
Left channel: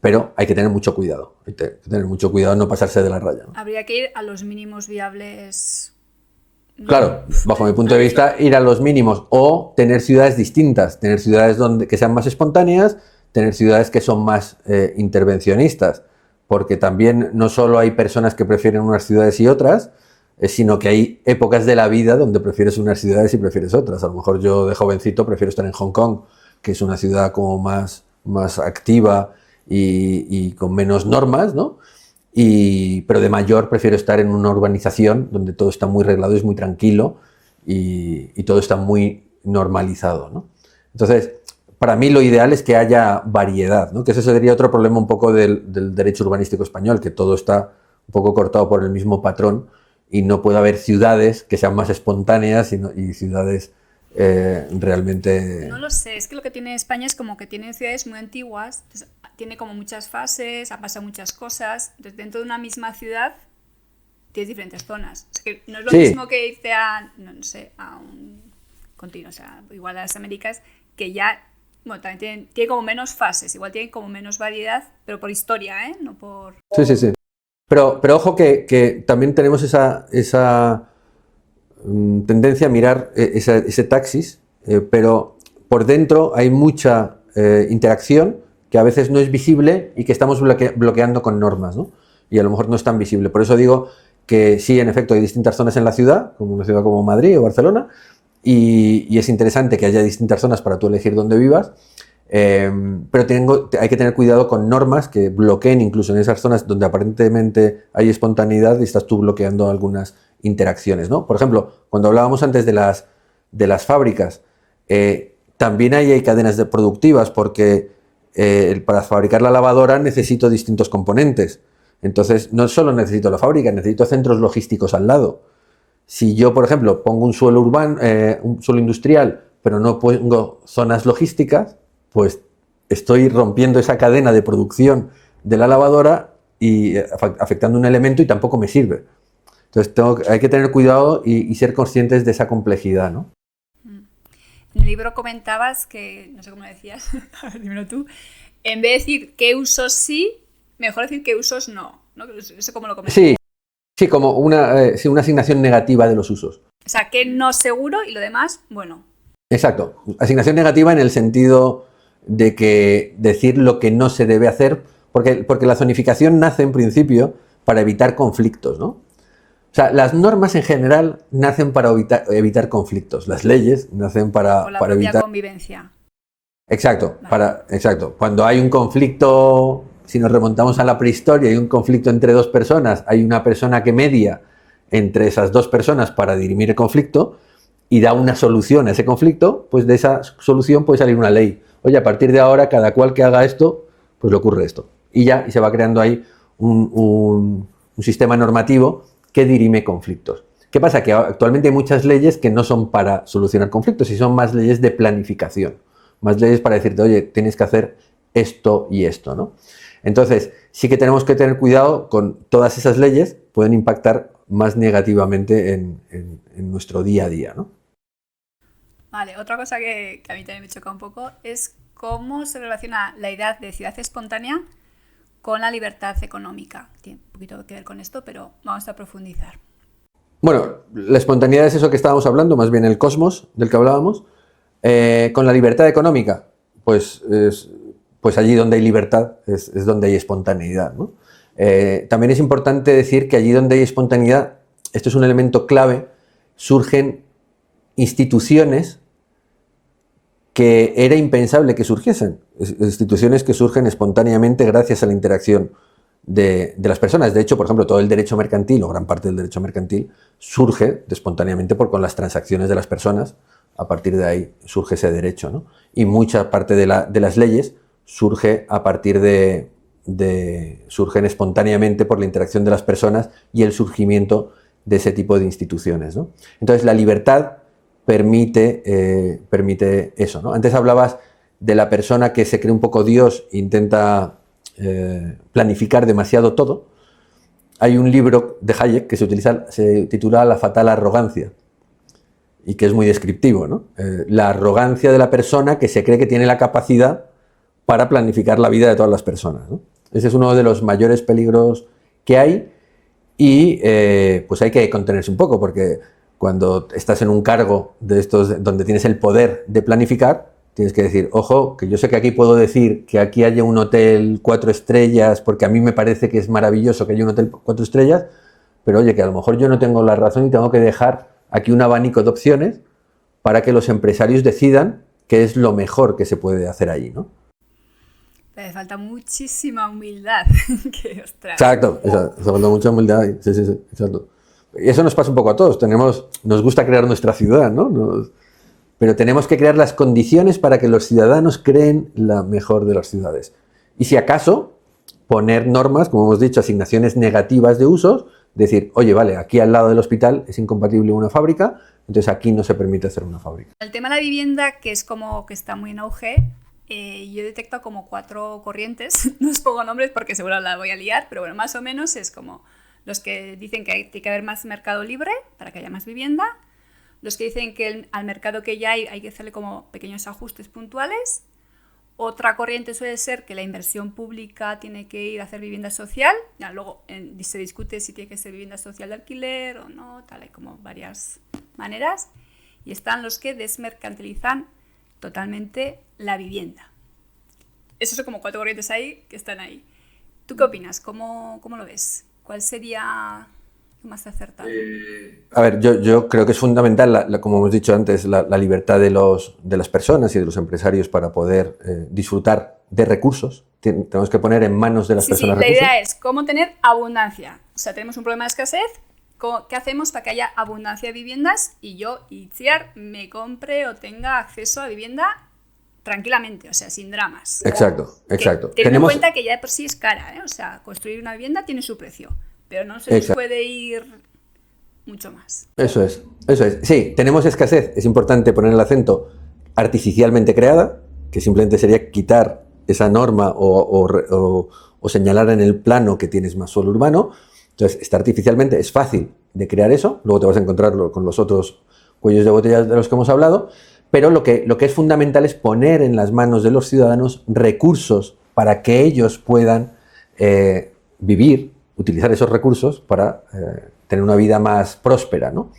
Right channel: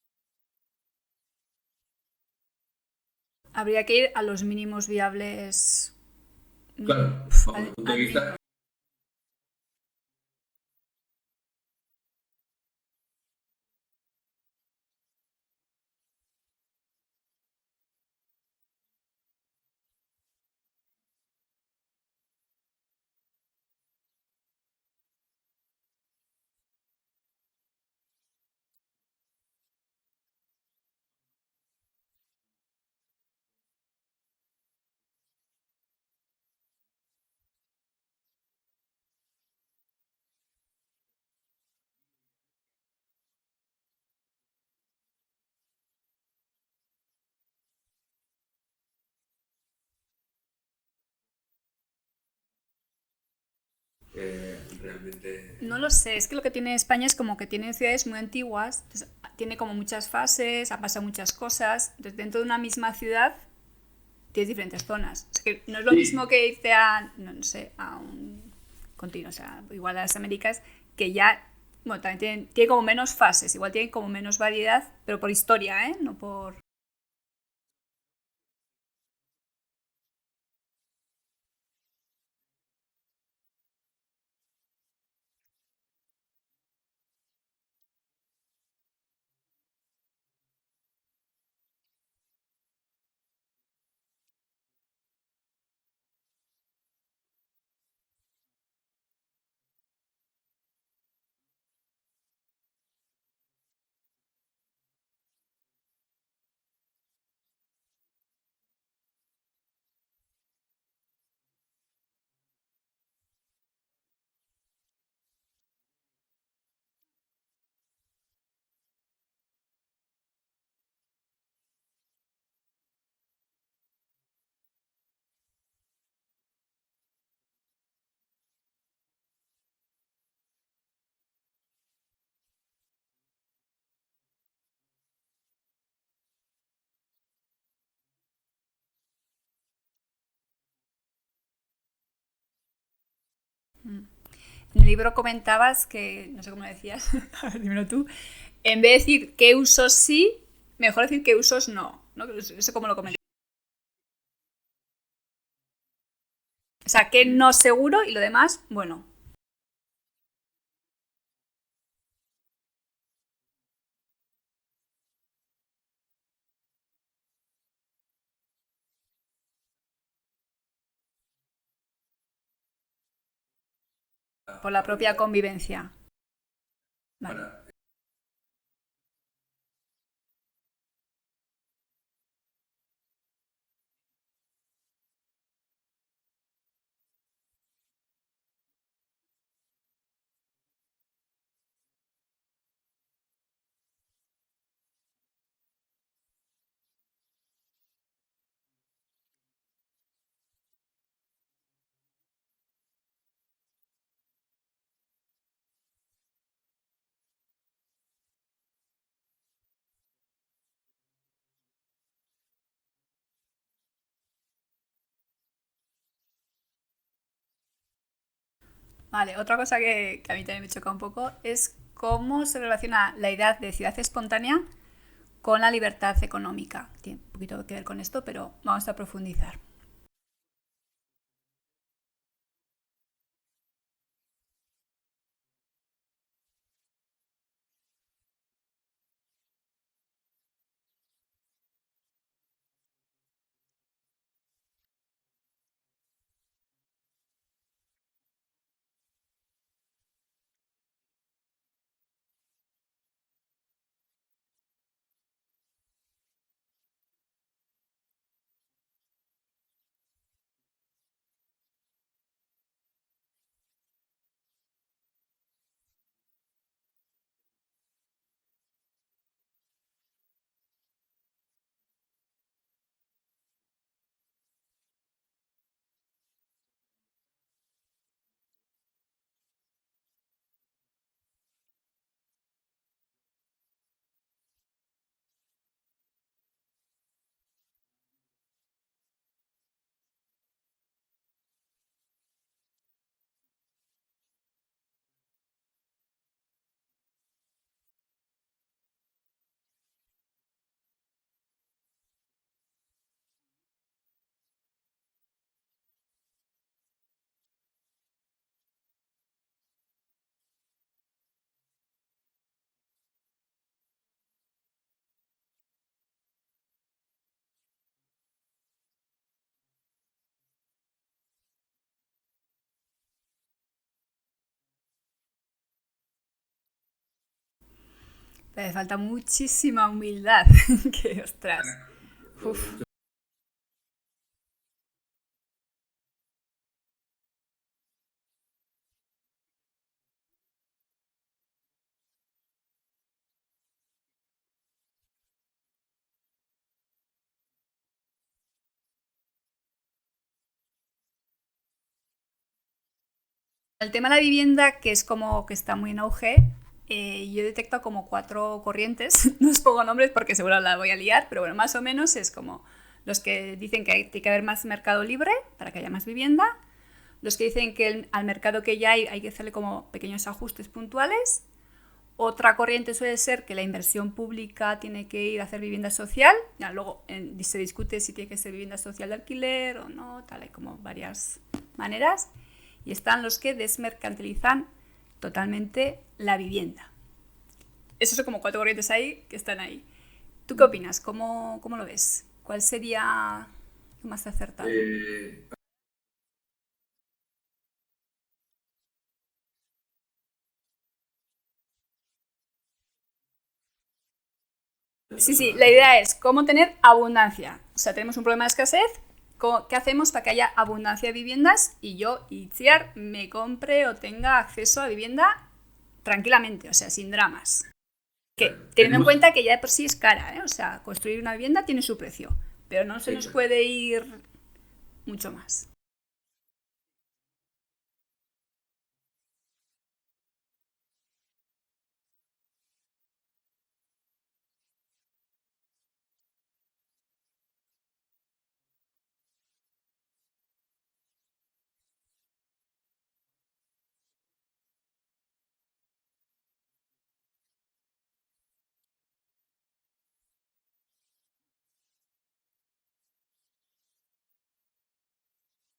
pero hay que tener mucho cuidado. Hay que tener mucho cuidado en no pasarse de la raya, ¿no? Habría que ir a los mínimos viables. Claro, bajo mi punto de vista, ir a los mínimos, o tener ciudades distintas, tener ciudades que sean más espontáneas, tener ciudades que son más intervencionistas, porque también no solo hay personas que prefieren unas ciudades y otras, sino que hay épocas de la vida donde prefieres unas ciudades y prefieres otras. A lo mejor yo de jovencito prefiero estar en Hong Kong, que es una ciudad como más activa y con menos normas, ¿no? Pero de mayor prefiero estar en una urbanización donde todo está muy reglado, es muy tranquilo y todo está muy normalizado, ¿no? Entonces, para mí lo ideal es que haya variedad, ¿no? Que ese sería otro problema un poco del derecho urbanístico español, que todo está un poco cortado por el mismo patrón y no puede haber ciudades que sean más espontáneas y ciudades realmente... No lo sé, es que lo que tiene España es como que tiene ciudades muy antiguas, entonces, tiene como muchas fases, ha pasado muchas cosas, entonces dentro de una misma ciudad tienes diferentes zonas. O sea, que no es lo mismo que irte a un continuo, o sea, igual a las Américas, que ya, bueno, también tiene como menos fases, igual tiene como menos variedad, pero por historia, ¿eh? No por... Sí. Pero ojo que también tenemos esa tendencia a mirar ese taxis, pero por dentro hay mucha interacción que a veces no es visible y que estamos bloqueando con normas, ¿no? Y a lo mejor no es tan visible. Por eso digo que sí, en efecto, hay distintas zonas en la ciudad, como una ciudad como Madrid o Barcelona, y es interesante que haya distintas zonas para tú elegir dónde vivas, pero hay que tener cuidado con normas que bloqueen incluso en esas zonas donde aparentemente hay espontaneidad y estás tú bloqueando algunas interacciones, ¿no? Por ejemplo, cuando hablábamos antes de las fábricas, también hay cadenas productivas, porque para fabricar la lavadora necesito distintos componentes. Entonces, no solo necesito la fábrica, necesito centros logísticos al lado. Si yo, por ejemplo, pongo un suelo urbano, un suelo industrial, pero no pongo zonas logísticas, pues estoy rompiendo esa cadena de producción de la lavadora y afectando un elemento, y tampoco me sirve. Entonces hay que tener cuidado y ser conscientes de esa complejidad, ¿no? En el libro comentabas que, no sé cómo decías, a ver, dímelo tú, en vez de decir qué usos sí, mejor decir qué usos no, ¿no? Eso como lo comentabas. Sí, como sí, una asignación negativa de los usos. O sea, que no seguro y lo demás, bueno. Exacto. Asignación negativa en el sentido de que decir lo que no se debe hacer, porque la zonificación nace en principio para evitar conflictos, ¿no? O sea, las normas en general nacen para evitar conflictos. Las leyes nacen para, Por la para propia evitar... convivencia. Exacto, Vale. exacto. Cuando hay un conflicto, si nos remontamos a la prehistoria, hay un conflicto entre dos personas, hay una persona que media entre esas dos personas para dirimir el conflicto y da una solución a ese conflicto, pues de esa solución puede salir una ley. Oye, a partir de ahora, cada cual que haga esto, pues le ocurre esto. Y ya, y se va creando ahí un sistema normativo que dirime conflictos. ¿Qué pasa? Que actualmente hay muchas leyes que no son para solucionar conflictos y son más leyes de planificación, más leyes para decirte, oye, tienes que hacer esto y esto, ¿no? Entonces, sí que tenemos que tener cuidado con todas esas leyes, pueden impactar más negativamente en nuestro día a día, ¿no? Vale, otra cosa que a mí también me choca un poco es cómo se relaciona la idea de ciudad espontánea con la libertad económica. Tiene un poquito que ver con esto, pero vamos a profundizar. Bueno, la espontaneidad es eso que estábamos hablando, más bien el cosmos del que hablábamos. Con la libertad económica, pues allí donde hay libertad es donde hay espontaneidad, ¿no? También es importante decir que allí donde hay espontaneidad, esto es un elemento clave, surgen instituciones que era impensable que surgiesen, instituciones que surgen espontáneamente gracias a la interacción de las personas. De hecho, por ejemplo, todo el derecho mercantil, o gran parte del derecho mercantil, surge espontáneamente con las transacciones de las personas. A partir de ahí surge ese derecho, ¿no? Y mucha parte de las leyes surge a partir surgen espontáneamente por la interacción de las personas y el surgimiento de ese tipo de instituciones, ¿no? Entonces, la libertad permite eso, ¿no? Antes hablabas de la persona que se cree un poco Dios e intenta planificar demasiado todo. Hay un libro de Hayek que se titula La fatal arrogancia y que es muy descriptivo, ¿no? La arrogancia de la persona que se cree que tiene la capacidad para planificar la vida de todas las personas, ¿no? Ese es uno de los mayores peligros que hay y pues hay que contenerse un poco porque cuando estás en un cargo de estos donde tienes el poder de planificar, tienes que decir, ojo, que yo sé que aquí puedo decir que aquí haya un hotel 4 estrellas porque a mí me parece que es maravilloso que haya un hotel 4 estrellas, pero oye, que a lo mejor yo no tengo la razón y tengo que dejar aquí un abanico de opciones para que los empresarios decidan qué es lo mejor que se puede hacer allí, ¿no? Pero falta muchísima humildad. Que, ostras. Exacto, falta mucha humildad. Sí, exacto. Y eso nos pasa un poco a todos. Nos gusta crear nuestra ciudad, ¿no? Pero tenemos que crear las condiciones para que los ciudadanos creen la mejor de las ciudades. Y si acaso, poner normas, como hemos dicho, asignaciones negativas de usos, decir, oye, vale, aquí al lado del hospital es incompatible una fábrica, entonces aquí no se permite hacer una fábrica. El tema de la vivienda, que es como que está muy en auge, yo detecto como 4 corrientes, no os pongo nombres porque seguro la voy a liar, pero bueno, más o menos es como los que dicen que tiene que haber más mercado libre para que haya más vivienda, los que dicen que al mercado que ya hay que hacerle como pequeños ajustes puntuales. Otra corriente suele ser que la inversión pública tiene que ir a hacer vivienda social, ya luego se discute si tiene que ser vivienda social de alquiler o no, tal, hay como varias maneras. Y están los que desmercantilizan totalmente la vivienda. Esos son como 4 corrientes ahí que están ahí. ¿Tú qué opinas? ¿Cómo lo ves? ¿Cuál sería más acertado? A ver, yo creo que es fundamental, como hemos dicho antes, la libertad de las personas y de los empresarios para poder disfrutar de recursos. Tenemos que poner en manos de las personas la recursos. idea es cómo tener abundancia. O sea, tenemos un problema de escasez. ¿Qué hacemos para que haya abundancia de viviendas y yo, Itziar, me compre o tenga acceso a vivienda tranquilamente, o sea, sin dramas? Exacto. Teniendo en cuenta que ya de por sí es cara, ¿eh? O sea, construir una vivienda tiene su precio, pero no se nos puede ir mucho más. Eso es. Sí, tenemos escasez, es importante poner el acento artificialmente creada, que simplemente sería quitar esa norma o señalar en el plano que tienes más suelo urbano. Entonces, está artificialmente, es fácil de crear eso, luego te vas a encontrar con los otros cuellos de botella de los que hemos hablado, pero lo que es fundamental es poner en las manos de los ciudadanos recursos para que ellos puedan vivir, utilizar esos recursos para tener una vida más próspera, ¿no?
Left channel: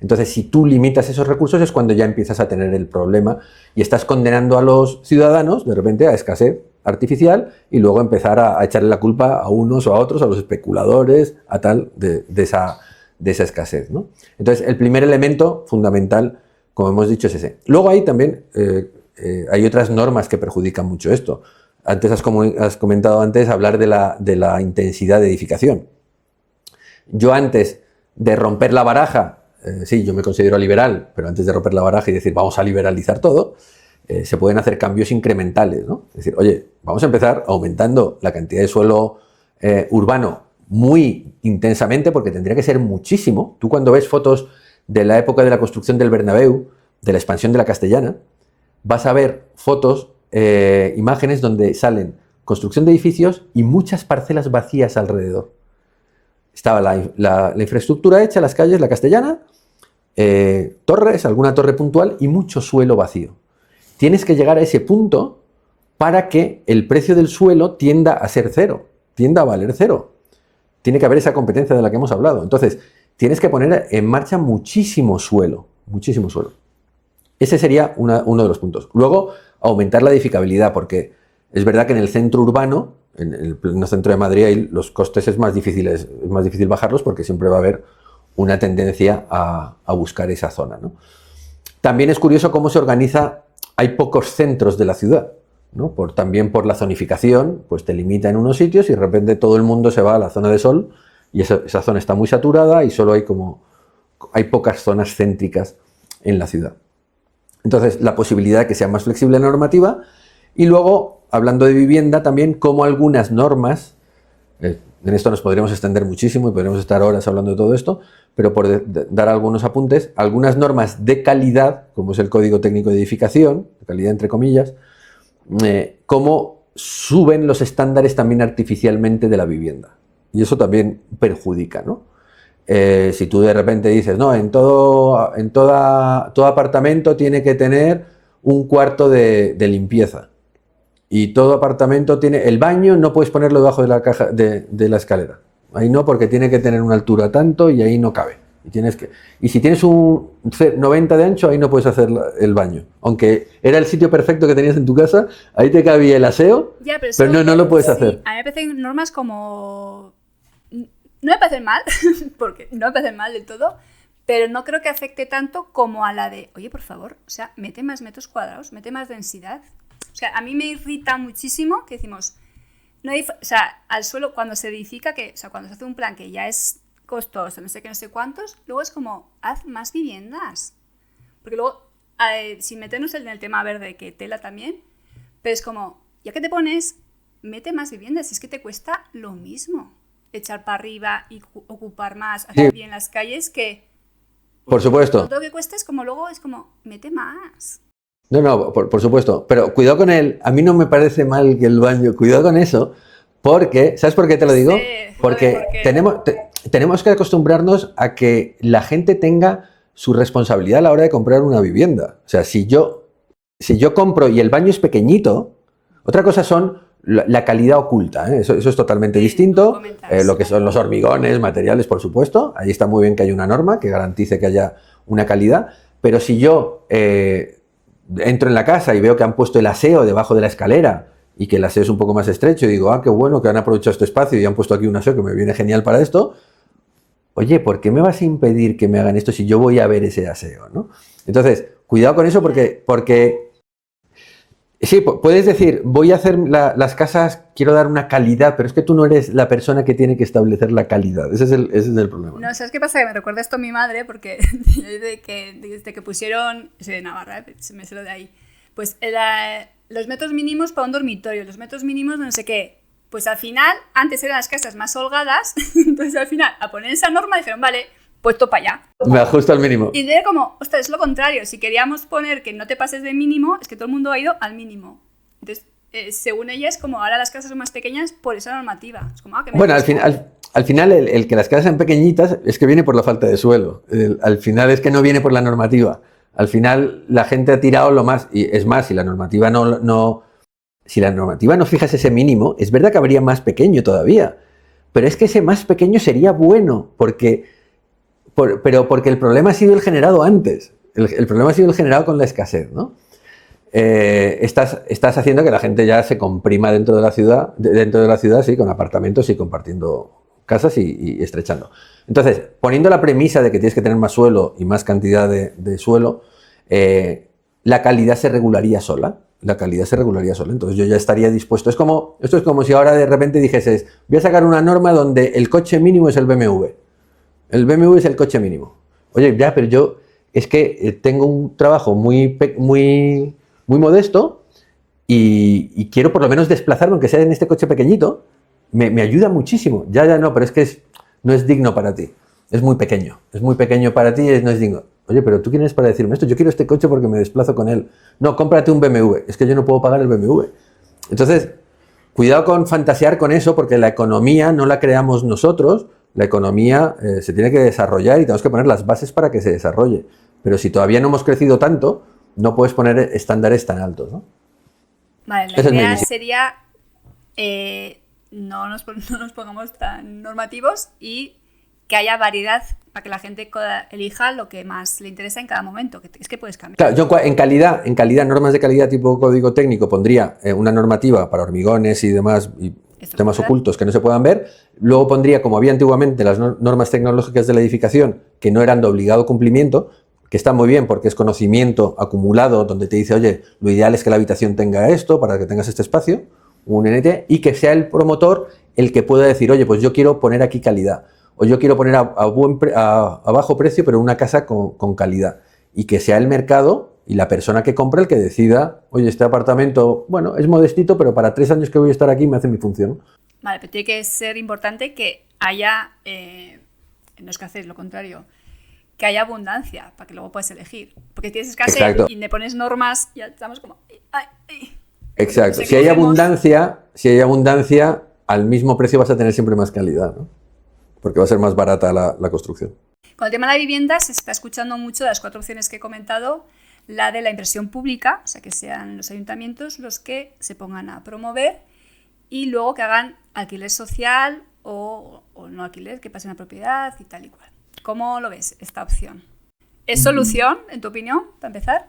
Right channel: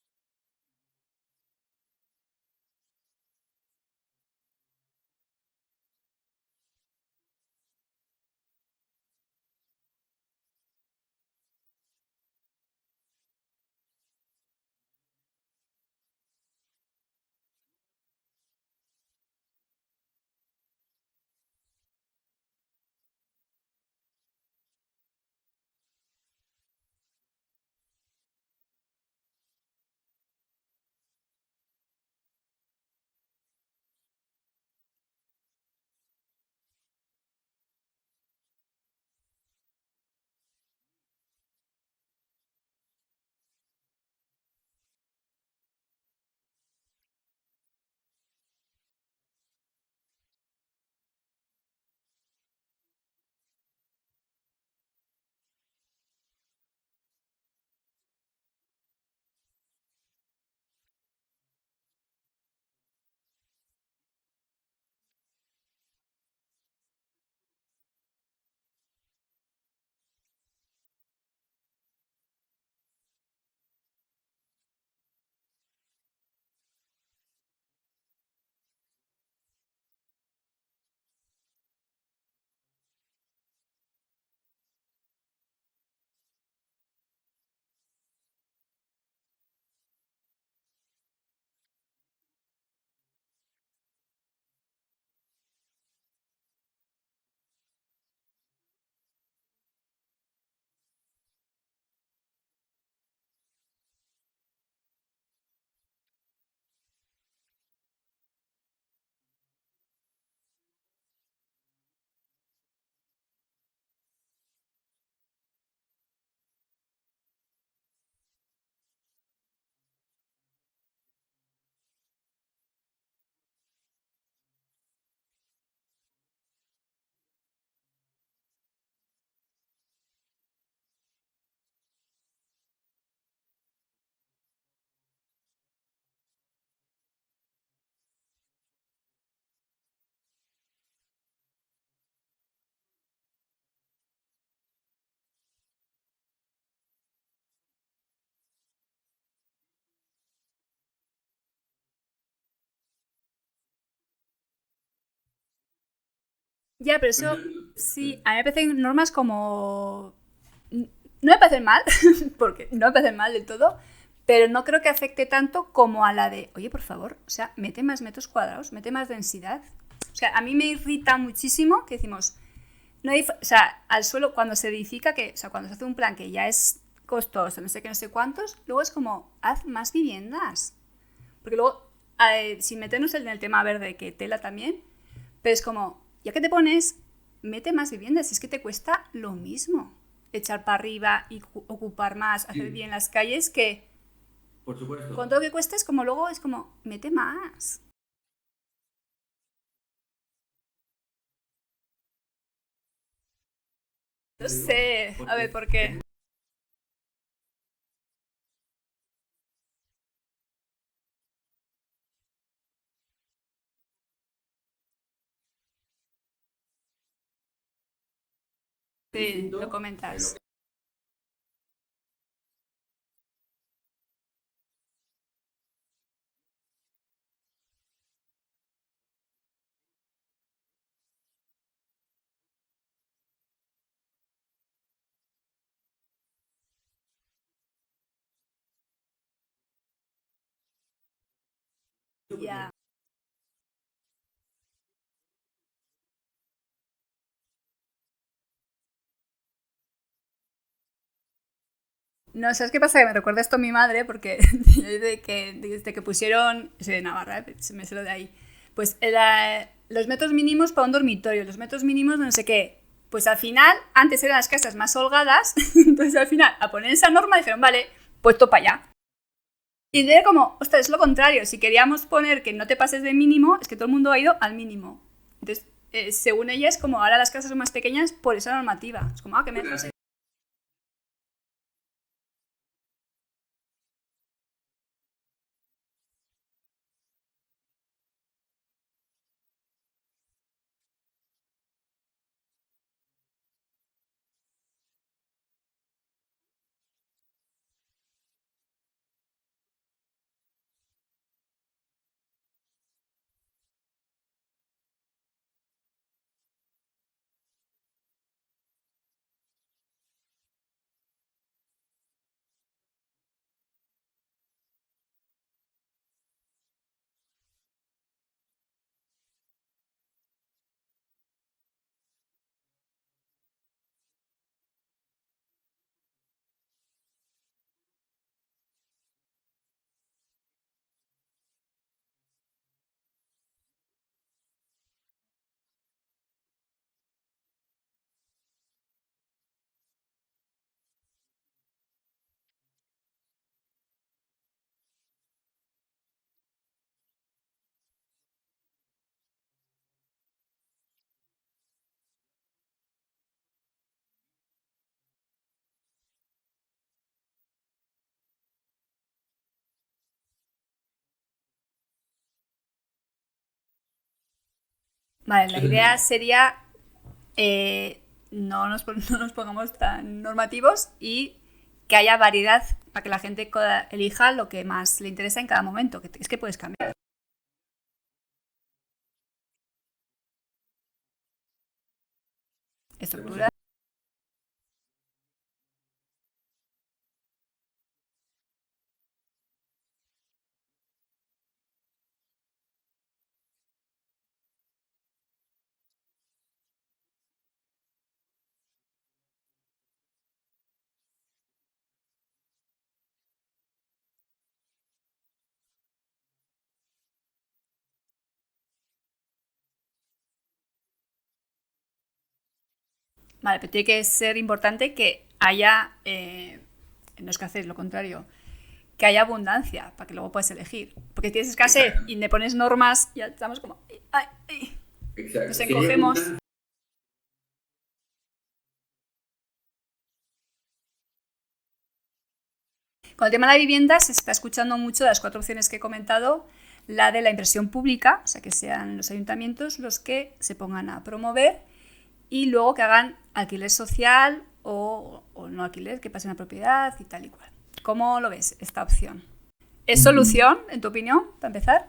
Entonces, si tú limitas esos recursos es cuando ya empiezas a tener el problema y estás condenando a los ciudadanos, de repente, a escasez artificial y luego empezar a echarle la culpa a unos o a otros, a los especuladores, a tal, de esa escasez, ¿no? Entonces, el primer elemento fundamental, como hemos dicho, es ese. Luego hay también, hay otras normas que perjudican mucho esto. Antes has comentado hablar de la intensidad de edificación. Yo antes de romper la baraja, sí, yo me considero liberal, pero antes de romper la baraja y decir vamos a liberalizar todo, se pueden hacer cambios incrementales, ¿no? Es decir, oye, vamos a empezar aumentando la cantidad de suelo urbano muy intensamente, porque tendría que ser muchísimo. Tú cuando ves fotos de la época de la construcción del Bernabéu, de la expansión de la Castellana, vas a ver fotos, imágenes donde salen construcción de edificios y muchas parcelas vacías alrededor. Estaba la infraestructura hecha, las calles, la Castellana, torres, alguna torre puntual y mucho suelo vacío. Tienes que llegar a ese punto para que el precio del suelo tienda a ser cero, tienda a valer cero. Tiene que haber esa competencia de la que hemos hablado. Entonces, tienes que poner en marcha muchísimo suelo, muchísimo suelo. Ese sería uno de los puntos. Luego, aumentar la edificabilidad, porque es verdad que en el centro urbano, en el pleno centro de Madrid, los costes es más difícil bajarlos porque siempre va a haber una tendencia a buscar esa zona, ¿no? También es curioso cómo se organiza, hay pocos centros de la ciudad, ¿no? También por la zonificación, pues te limita en unos sitios y de repente todo el mundo se va a la zona de sol y esa zona está muy saturada y solo hay pocas zonas céntricas en la ciudad. Entonces, la posibilidad de que sea más flexible la normativa y luego, hablando de vivienda, también como algunas normas, en esto nos podríamos extender muchísimo y podríamos estar horas hablando de todo esto, pero por dar algunos apuntes, algunas normas de calidad, como es el Código Técnico de Edificación, de calidad entre comillas, cómo suben los estándares también artificialmente de la vivienda. Y eso también perjudica, ¿no? Si tú de repente dices, no, todo apartamento tiene que tener un cuarto de limpieza y todo apartamento tiene, el baño no puedes ponerlo debajo de la caja de la escalera, ahí no, porque tiene que tener una altura tanto y ahí no cabe. Y si tienes un 90 de ancho, ahí no puedes hacer el baño. Aunque era el sitio perfecto que tenías en tu casa, ahí te cabía el aseo, ya, pero no lo puedes sí, hacer. A mí me parecen normas como... No me parecen mal, porque no me parecen mal del todo, pero no creo que afecte tanto como a la de, oye, por favor, o sea, mete más metros cuadrados, mete más densidad. O sea, a mí me irrita muchísimo que decimos, no hay, o sea, al suelo cuando se edifica, o sea, cuando se hace un plan que ya es costoso, no sé qué, no sé cuántos, luego es como, haz más viviendas. Porque luego, sin meternos en el tema verde, que tela también, pero es como, ya que te pones, mete más viviendas, es que te cuesta lo mismo echar para arriba y ocupar más, hacer bien las calles, que por supuesto. Con todo lo que cuesta es como luego, es como, mete más. No, por supuesto, pero cuidado con a mí no me parece mal que el baño, cuidado con eso, porque, ¿sabes por qué te lo digo? Sí, porque ¿por qué? tenemos que acostumbrarnos a que la gente tenga su responsabilidad a la hora de comprar una vivienda. O sea, si yo compro y el baño es pequeñito, otra cosa son la calidad oculta, ¿eh? Eso es totalmente distinto. Lo que son los hormigones, materiales, por supuesto. Ahí está muy bien que haya una norma que garantice que haya una calidad. Pero si yo entro en la casa y veo que han puesto el aseo debajo de la escalera y que el aseo es un poco más estrecho y digo, qué bueno que han aprovechado este espacio y han puesto aquí un aseo que me viene genial para esto. Oye, ¿por qué me vas a impedir que me hagan esto si yo voy a ver ese aseo, ¿no? Entonces, cuidado con eso porque sí, puedes decir, voy a hacer las casas, quiero dar una calidad, pero es que tú no eres la persona que tiene que establecer la calidad. Ese es el problema. No, ¿sabes qué pasa? Que me recuerda esto a mi madre, porque desde que pusieron, soy de Navarra, me sé lo de ahí, pues los metros mínimos para un dormitorio, los metros mínimos no sé qué. Pues al final, antes eran las casas más holgadas, entonces al final, a poner esa norma, dijeron, vale, puesto para allá. Me ajusto al mínimo. Y de como, ostras, es lo contrario. Si queríamos poner que no te pases de mínimo, es que todo el mundo ha ido al mínimo. Entonces, según ella, es como ahora las casas son más pequeñas por esa normativa. Es como, bueno, al final el que las casas sean pequeñitas es que viene por la falta de suelo. Al final es que no viene por la normativa. Al final la gente ha tirado lo más, y es más, si la normativa no fijas ese mínimo, es verdad que habría más pequeño todavía. Pero es que ese más pequeño sería bueno, porque pero porque el problema ha sido el generado antes. El problema ha sido el generado con la escasez, ¿no? Estás haciendo que la gente ya se comprima dentro de la ciudad, sí, con apartamentos y compartiendo casas y estrechando. Entonces, poniendo la premisa de que tienes que tener más suelo y más cantidad de suelo, la calidad se regularía sola. Entonces yo ya estaría dispuesto. Esto es como si ahora de repente dijeses, voy a sacar una norma donde el coche mínimo es el BMW. El BMW es el coche mínimo. Oye, ya, pero yo es que tengo un trabajo muy modesto y quiero por lo menos desplazarme, aunque sea en este coche pequeñito, me ayuda muchísimo. Ya, no, pero es que no es digno para ti. Es muy pequeño para ti y no es digno. Oye, pero ¿tú quién eres para decirme esto? Yo quiero este coche porque me desplazo con él. No, cómprate un BMW. Es que yo no puedo pagar el BMW. Entonces, cuidado con fantasear con eso, porque la economía no la creamos nosotros. La economía se tiene que desarrollar y tenemos que poner las bases para que se desarrolle. Pero si todavía no hemos crecido tanto, no puedes poner estándares tan altos, ¿no? Vale, la idea sería no nos pongamos tan normativos y que haya variedad para que la gente elija lo que más le interesa en cada momento, que es que puedes cambiar. Claro, yo en calidad, normas de calidad tipo código técnico, pondría una normativa para hormigones y demás, y temas ocultos que no se puedan ver. Luego pondría, como había antiguamente, las normas tecnológicas de la edificación, que no eran de obligado cumplimiento, que está muy bien porque es conocimiento acumulado, donde te dice, oye, lo ideal es que la habitación tenga esto para que tengas este espacio, un NT, y que sea el promotor el que pueda decir, oye, pues yo quiero poner aquí calidad. O yo quiero poner a bajo precio, pero una casa con calidad. Y que sea el mercado y la persona que compra el que decida, oye, este apartamento, bueno, es modestito, pero para 3 años que voy a estar aquí me hace mi función. Vale, pero tiene que ser importante que haya, no es que haces lo contrario, que haya abundancia para que luego puedas elegir. Porque tienes escasez. Exacto. Y le pones normas, ya estamos como... Exacto. Si hay abundancia, al mismo precio vas a tener siempre más calidad, ¿no? Porque va a ser más barata la construcción. Con el tema de la vivienda se está escuchando mucho de las 4 opciones que he comentado, la de la inversión pública, o sea, que sean los ayuntamientos los que se pongan a promover y luego que hagan alquiler social o no alquiler, que pasen a propiedad y tal y cual. ¿Cómo lo ves esta opción? ¿Es solución, en tu opinión, para empezar?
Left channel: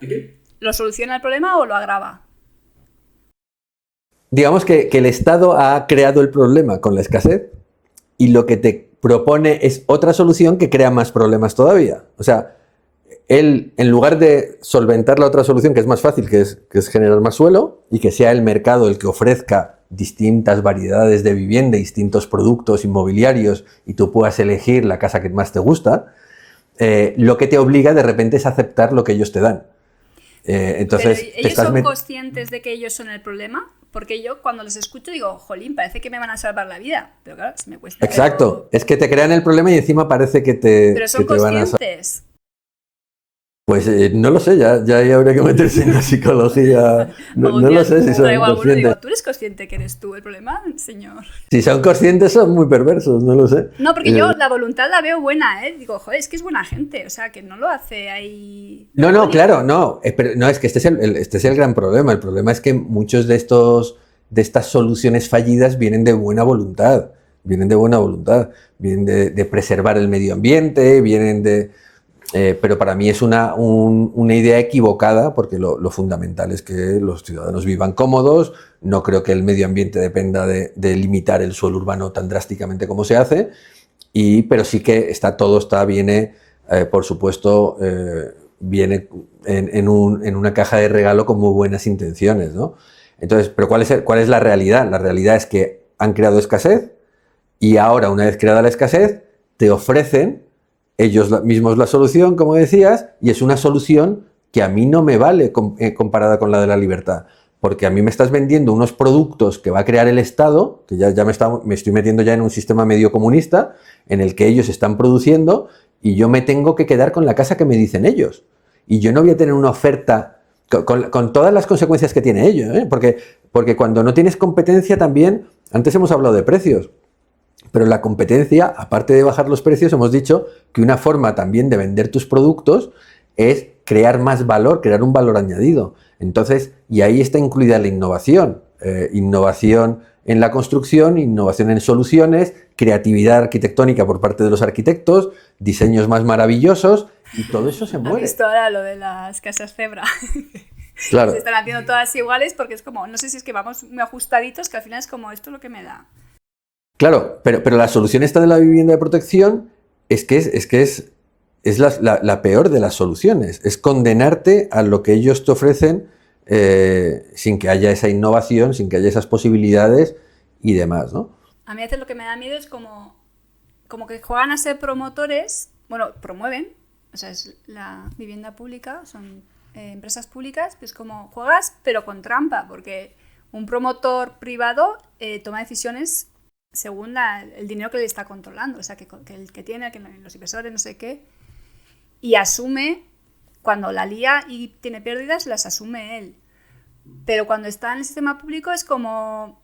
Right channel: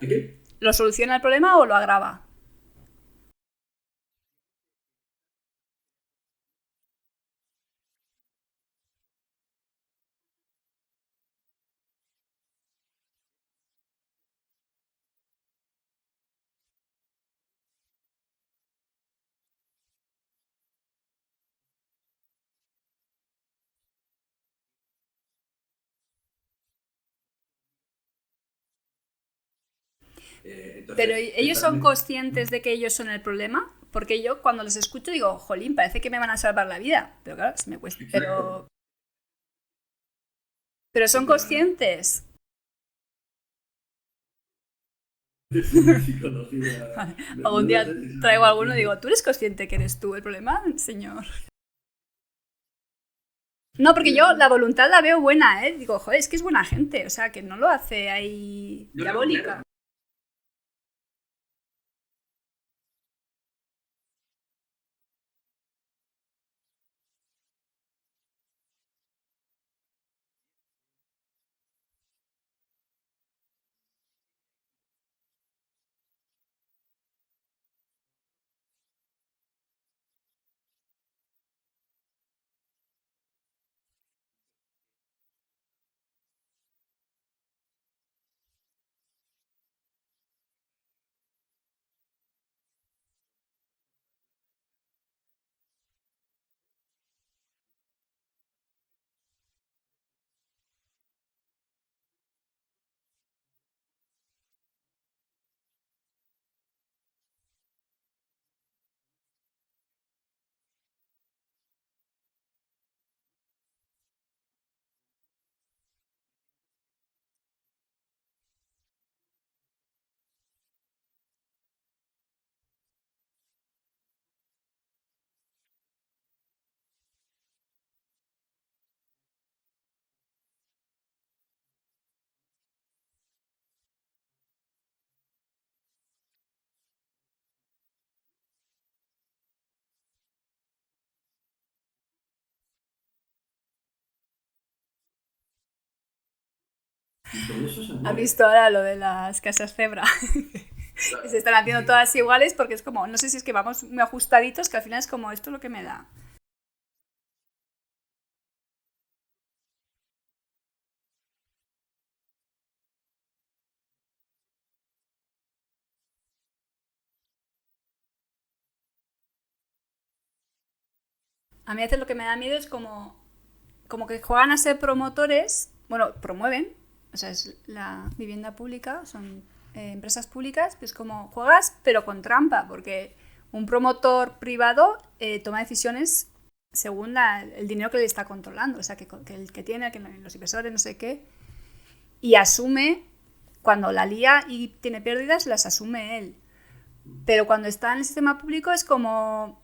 ¿Lo soluciona el problema o lo agrava? Digamos que el Estado ha creado el problema con la escasez y lo que te propone es otra solución que crea más problemas todavía. O sea, él, en lugar de solventar la otra solución, que es más fácil, que es generar más suelo, y que sea el mercado el que ofrezca distintas variedades de vivienda, distintos productos inmobiliarios, y tú puedas elegir la casa que más te gusta, lo que te obliga de repente es aceptar lo que ellos te dan. Entonces, ¿pero ellos son conscientes de que ellos son el problema? Porque yo cuando los escucho digo, jolín, parece que me van a salvar la vida. Pero claro, se me cuesta. Exacto, es que te crean el problema y encima parece que te... Pero son conscientes. Pues no lo sé, ya habría que meterse en la psicología. No lo sé si son traigo alguno y conscientes. digo, ¿tú eres consciente que eres tú el problema, señor? Si son conscientes son muy perversos, no lo sé. No, porque yo la voluntad la veo buena, ¿eh? Digo, joder, es que es buena gente, o sea, que no lo hace ahí... No, claro, no. Pero no, es que este es el gran problema. El problema es que muchos de estas soluciones fallidas vienen de buena voluntad. Vienen de preservar el medio ambiente, vienen de... pero para mí es una idea equivocada porque lo fundamental es que los ciudadanos vivan cómodos. No creo que el medio ambiente dependa de limitar el suelo urbano tan drásticamente como se hace, pero sí que viene, por supuesto, viene en una caja de regalo con muy buenas intenciones, ¿no? Entonces, pero ¿cuál es la realidad? La realidad es que han creado escasez y ahora, una vez creada la escasez, te ofrecen ellos mismos la solución, como decías, y es una solución que a mí no me vale comparada con la de la libertad, porque a mí me estás vendiendo unos productos que va a crear el Estado, que ya me estoy metiendo ya en un sistema medio comunista, en el que ellos están produciendo, y yo me tengo que quedar con la casa que me dicen ellos. Y yo no voy a tener una oferta con todas las consecuencias que tiene ello, ¿eh? Porque cuando no tienes competencia también, antes hemos hablado de precios, pero la competencia, aparte de bajar los precios, hemos dicho que una forma también de vender tus productos es crear más valor, crear un valor añadido. Entonces, y ahí está incluida la innovación. Innovación en la construcción, innovación en soluciones, creatividad arquitectónica por parte de los arquitectos, diseños más maravillosos, y todo eso se ¿Has muere. visto ahora lo de las casas Zebra? Claro. Se están haciendo todas iguales porque es como, no sé si es que vamos muy ajustaditos, que al final es como, esto es lo que me da. Claro, pero la solución esta de la vivienda de protección es la peor de las soluciones. Es condenarte a lo que ellos te ofrecen sin que haya esa innovación, sin que haya esas posibilidades y demás, ¿no? A mí a veces lo que me da miedo es como que juegan a ser promotores, bueno, promueven, o sea, es la vivienda pública, son empresas públicas, pues como juegas pero con trampa, porque un promotor privado toma decisiones según el dinero que le está controlando, o sea, que el que tiene, que los inversores, no sé qué, y asume, cuando la lía y tiene pérdidas, las asume él. Pero cuando está en el sistema público es como,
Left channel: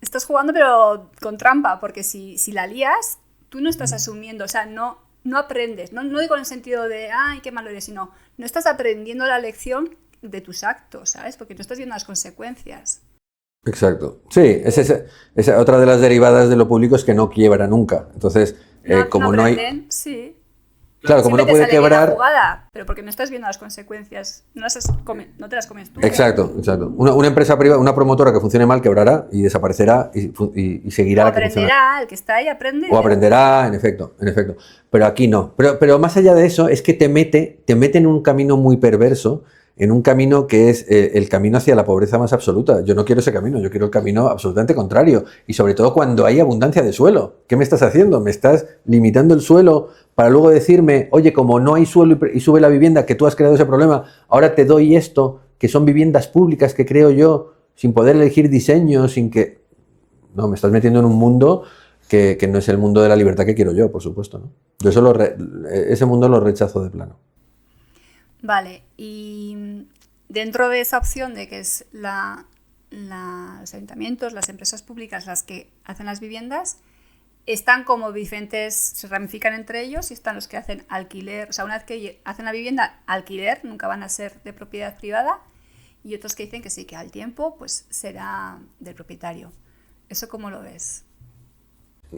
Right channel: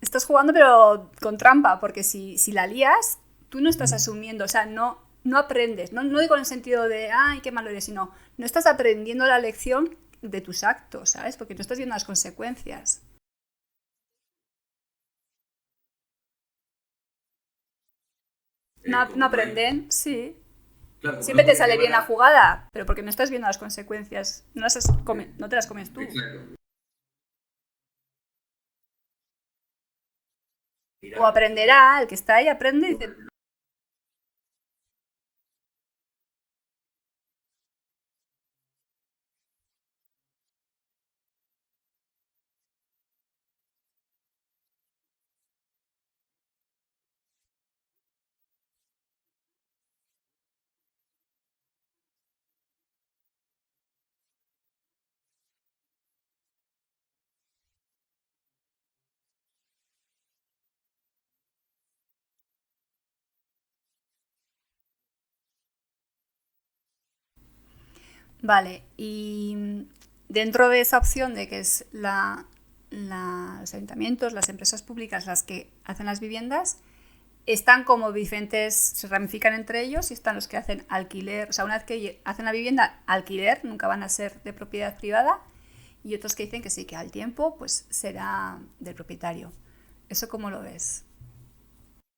estás jugando pero con trampa, porque si la lías, tú no estás asumiendo, o sea, no aprendes, no digo en el sentido de, ay, qué malo eres, sino, no estás aprendiendo la lección de tus actos, ¿sabes? Porque no estás viendo las consecuencias. Exacto. Sí, esa otra de las derivadas de lo público es que no quiebra nunca. Entonces, como no no hay... aprenden, sí. Claro, como Siempre no te puede sale bien la quebrar... jugada, pero porque no estás viendo las consecuencias, no te las comes tú. Exacto. Una empresa privada, una promotora que funcione mal quebrará y desaparecerá y seguirá. O aprenderá, el que está ahí aprende. O aprenderá, en efecto. Pero aquí no. Pero más allá de eso, es que te mete en un camino muy perverso, en un camino que es el camino hacia la pobreza más absoluta. Yo no quiero ese camino, yo quiero el camino absolutamente contrario. Y sobre todo cuando hay abundancia de suelo. ¿Qué me estás haciendo? ¿Me estás limitando el suelo para luego decirme, oye, como no hay suelo y sube la vivienda, que tú has creado ese problema, ahora te doy esto, que son viviendas públicas que creo yo, sin poder elegir diseño, sin que... No, me estás metiendo en un mundo que no es el mundo de la libertad que quiero yo, por supuesto, ¿no? Yo ese mundo lo rechazo de plano. Vale, y dentro de esa opción de que es los ayuntamientos, las empresas públicas las que hacen las viviendas, están como diferentes, se ramifican entre ellos y están los que hacen alquiler, o sea, una vez que hacen la vivienda, alquiler, nunca van a ser de propiedad privada, y otros que dicen que sí, que al tiempo pues será del propietario. ¿Eso cómo lo ves?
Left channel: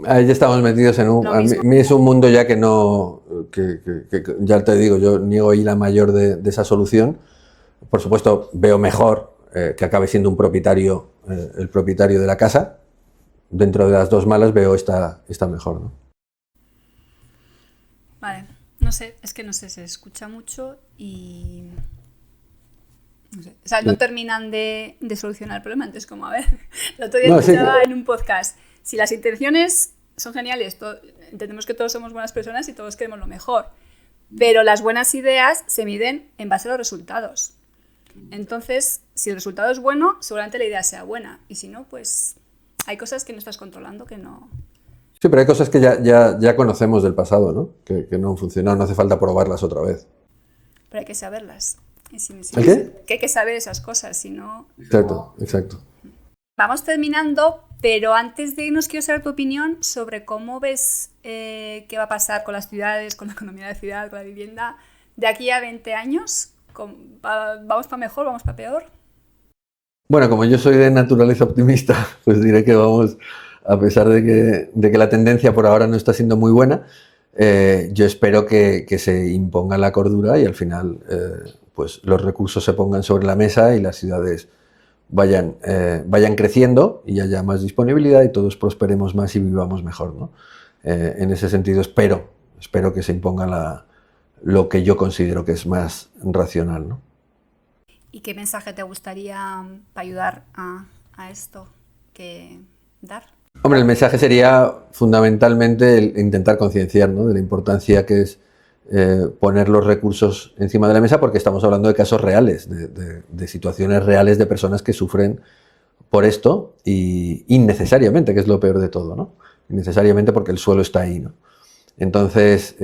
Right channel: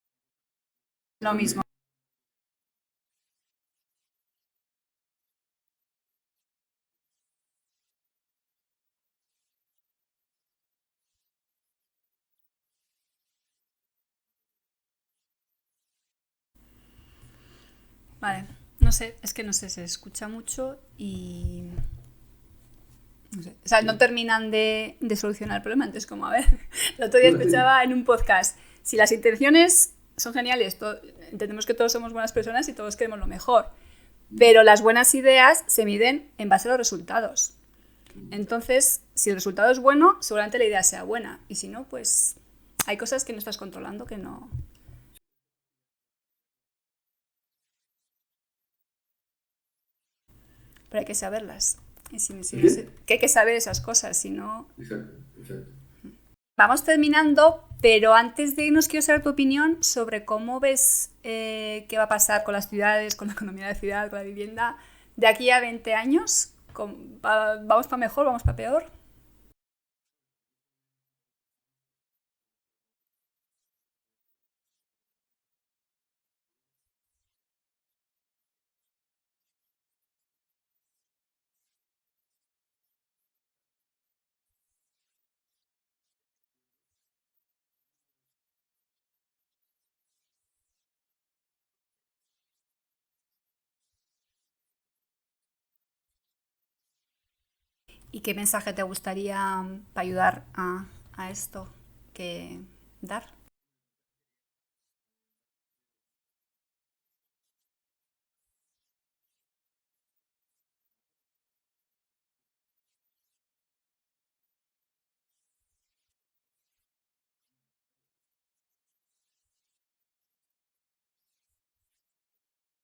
Ahí ya estamos metidos en un... A mí es un mundo ya que no... que ya te digo, yo niego ahí la mayor de esa solución. Por supuesto, veo mejor que acabe siendo un propietario, el propietario de la casa. Dentro de las dos malas veo esta mejor, ¿no? Vale, no sé, se escucha mucho y... No sé. O sea, no terminan de solucionar el problema. Entonces, como, a ver, el otro día escuchaba en un podcast, si las intenciones son geniales, entendemos que todos somos buenas personas y todos queremos lo mejor, pero las buenas ideas se miden en base a los resultados. Entonces, si el resultado es bueno, seguramente la idea sea buena, y si no, pues hay cosas que no estás controlando que no... Sí, pero hay cosas que ya conocemos del pasado, ¿no? Que no han funcionado, no hace falta probarlas otra vez. Pero hay que saberlas. ¿Qué? Que hay que saber esas cosas, si no... Exacto. Vamos terminando, pero antes de irnos quiero saber tu opinión sobre cómo ves qué va a pasar con las ciudades, con la economía de ciudad, con la vivienda, de aquí a 20 años. ¿Vamos para mejor, vamos para peor? Bueno, como yo soy de naturaleza optimista, pues diré que vamos, a pesar de que la tendencia por ahora no está siendo muy buena, yo espero que se imponga la cordura y al final pues los recursos se pongan sobre la mesa y las ciudades vayan creciendo y haya más disponibilidad y todos prosperemos más y vivamos mejor, ¿no? En ese sentido espero que se imponga lo que yo considero que es más racional, ¿no? ¿Y qué mensaje te gustaría para ayudar a esto que dar? Hombre, el mensaje sería fundamentalmente el intentar concienciar, ¿no?, de la importancia que es poner los recursos encima de la mesa, porque estamos hablando de casos reales, de situaciones reales de personas que sufren por esto y innecesariamente, que es lo peor de todo, ¿no? Innecesariamente porque el suelo está ahí, ¿no? Entonces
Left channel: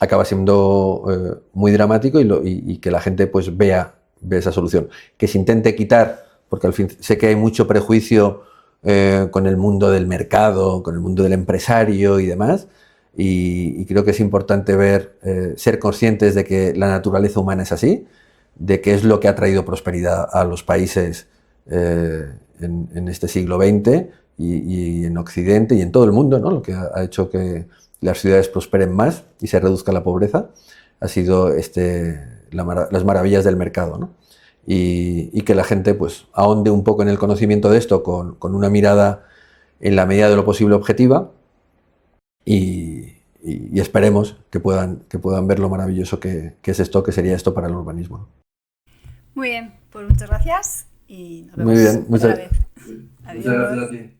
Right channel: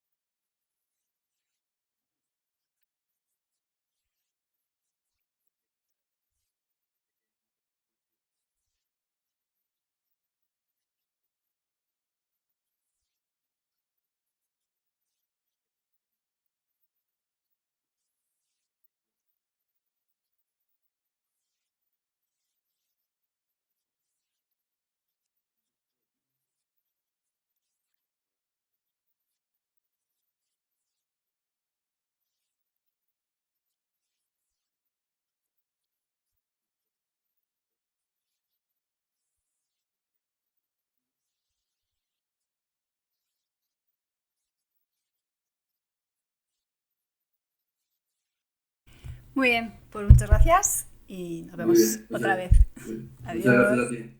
acaba siendo muy dramático y que la gente pues vea esa solución. Que se intente quitar, porque al fin sé que hay mucho prejuicio con el mundo del mercado, con el mundo del empresario y demás, y creo que es importante ser conscientes de que la naturaleza humana es así, de que es lo que ha traído prosperidad a los países en este siglo XX y en Occidente y en todo el mundo, ¿no? Lo que ha hecho que las ciudades prosperen más y se reduzca la pobreza ha sido las maravillas del mercado, ¿no? Y que la gente pues ahonde un poco en el conocimiento de esto con una mirada en la medida de lo posible objetiva y esperemos que puedan ver lo maravilloso que es esto, que sería esto para el urbanismo, ¿no? Muy bien, pues muchas gracias y nos vemos Muy bien, otra vez. muchas gracias a ti.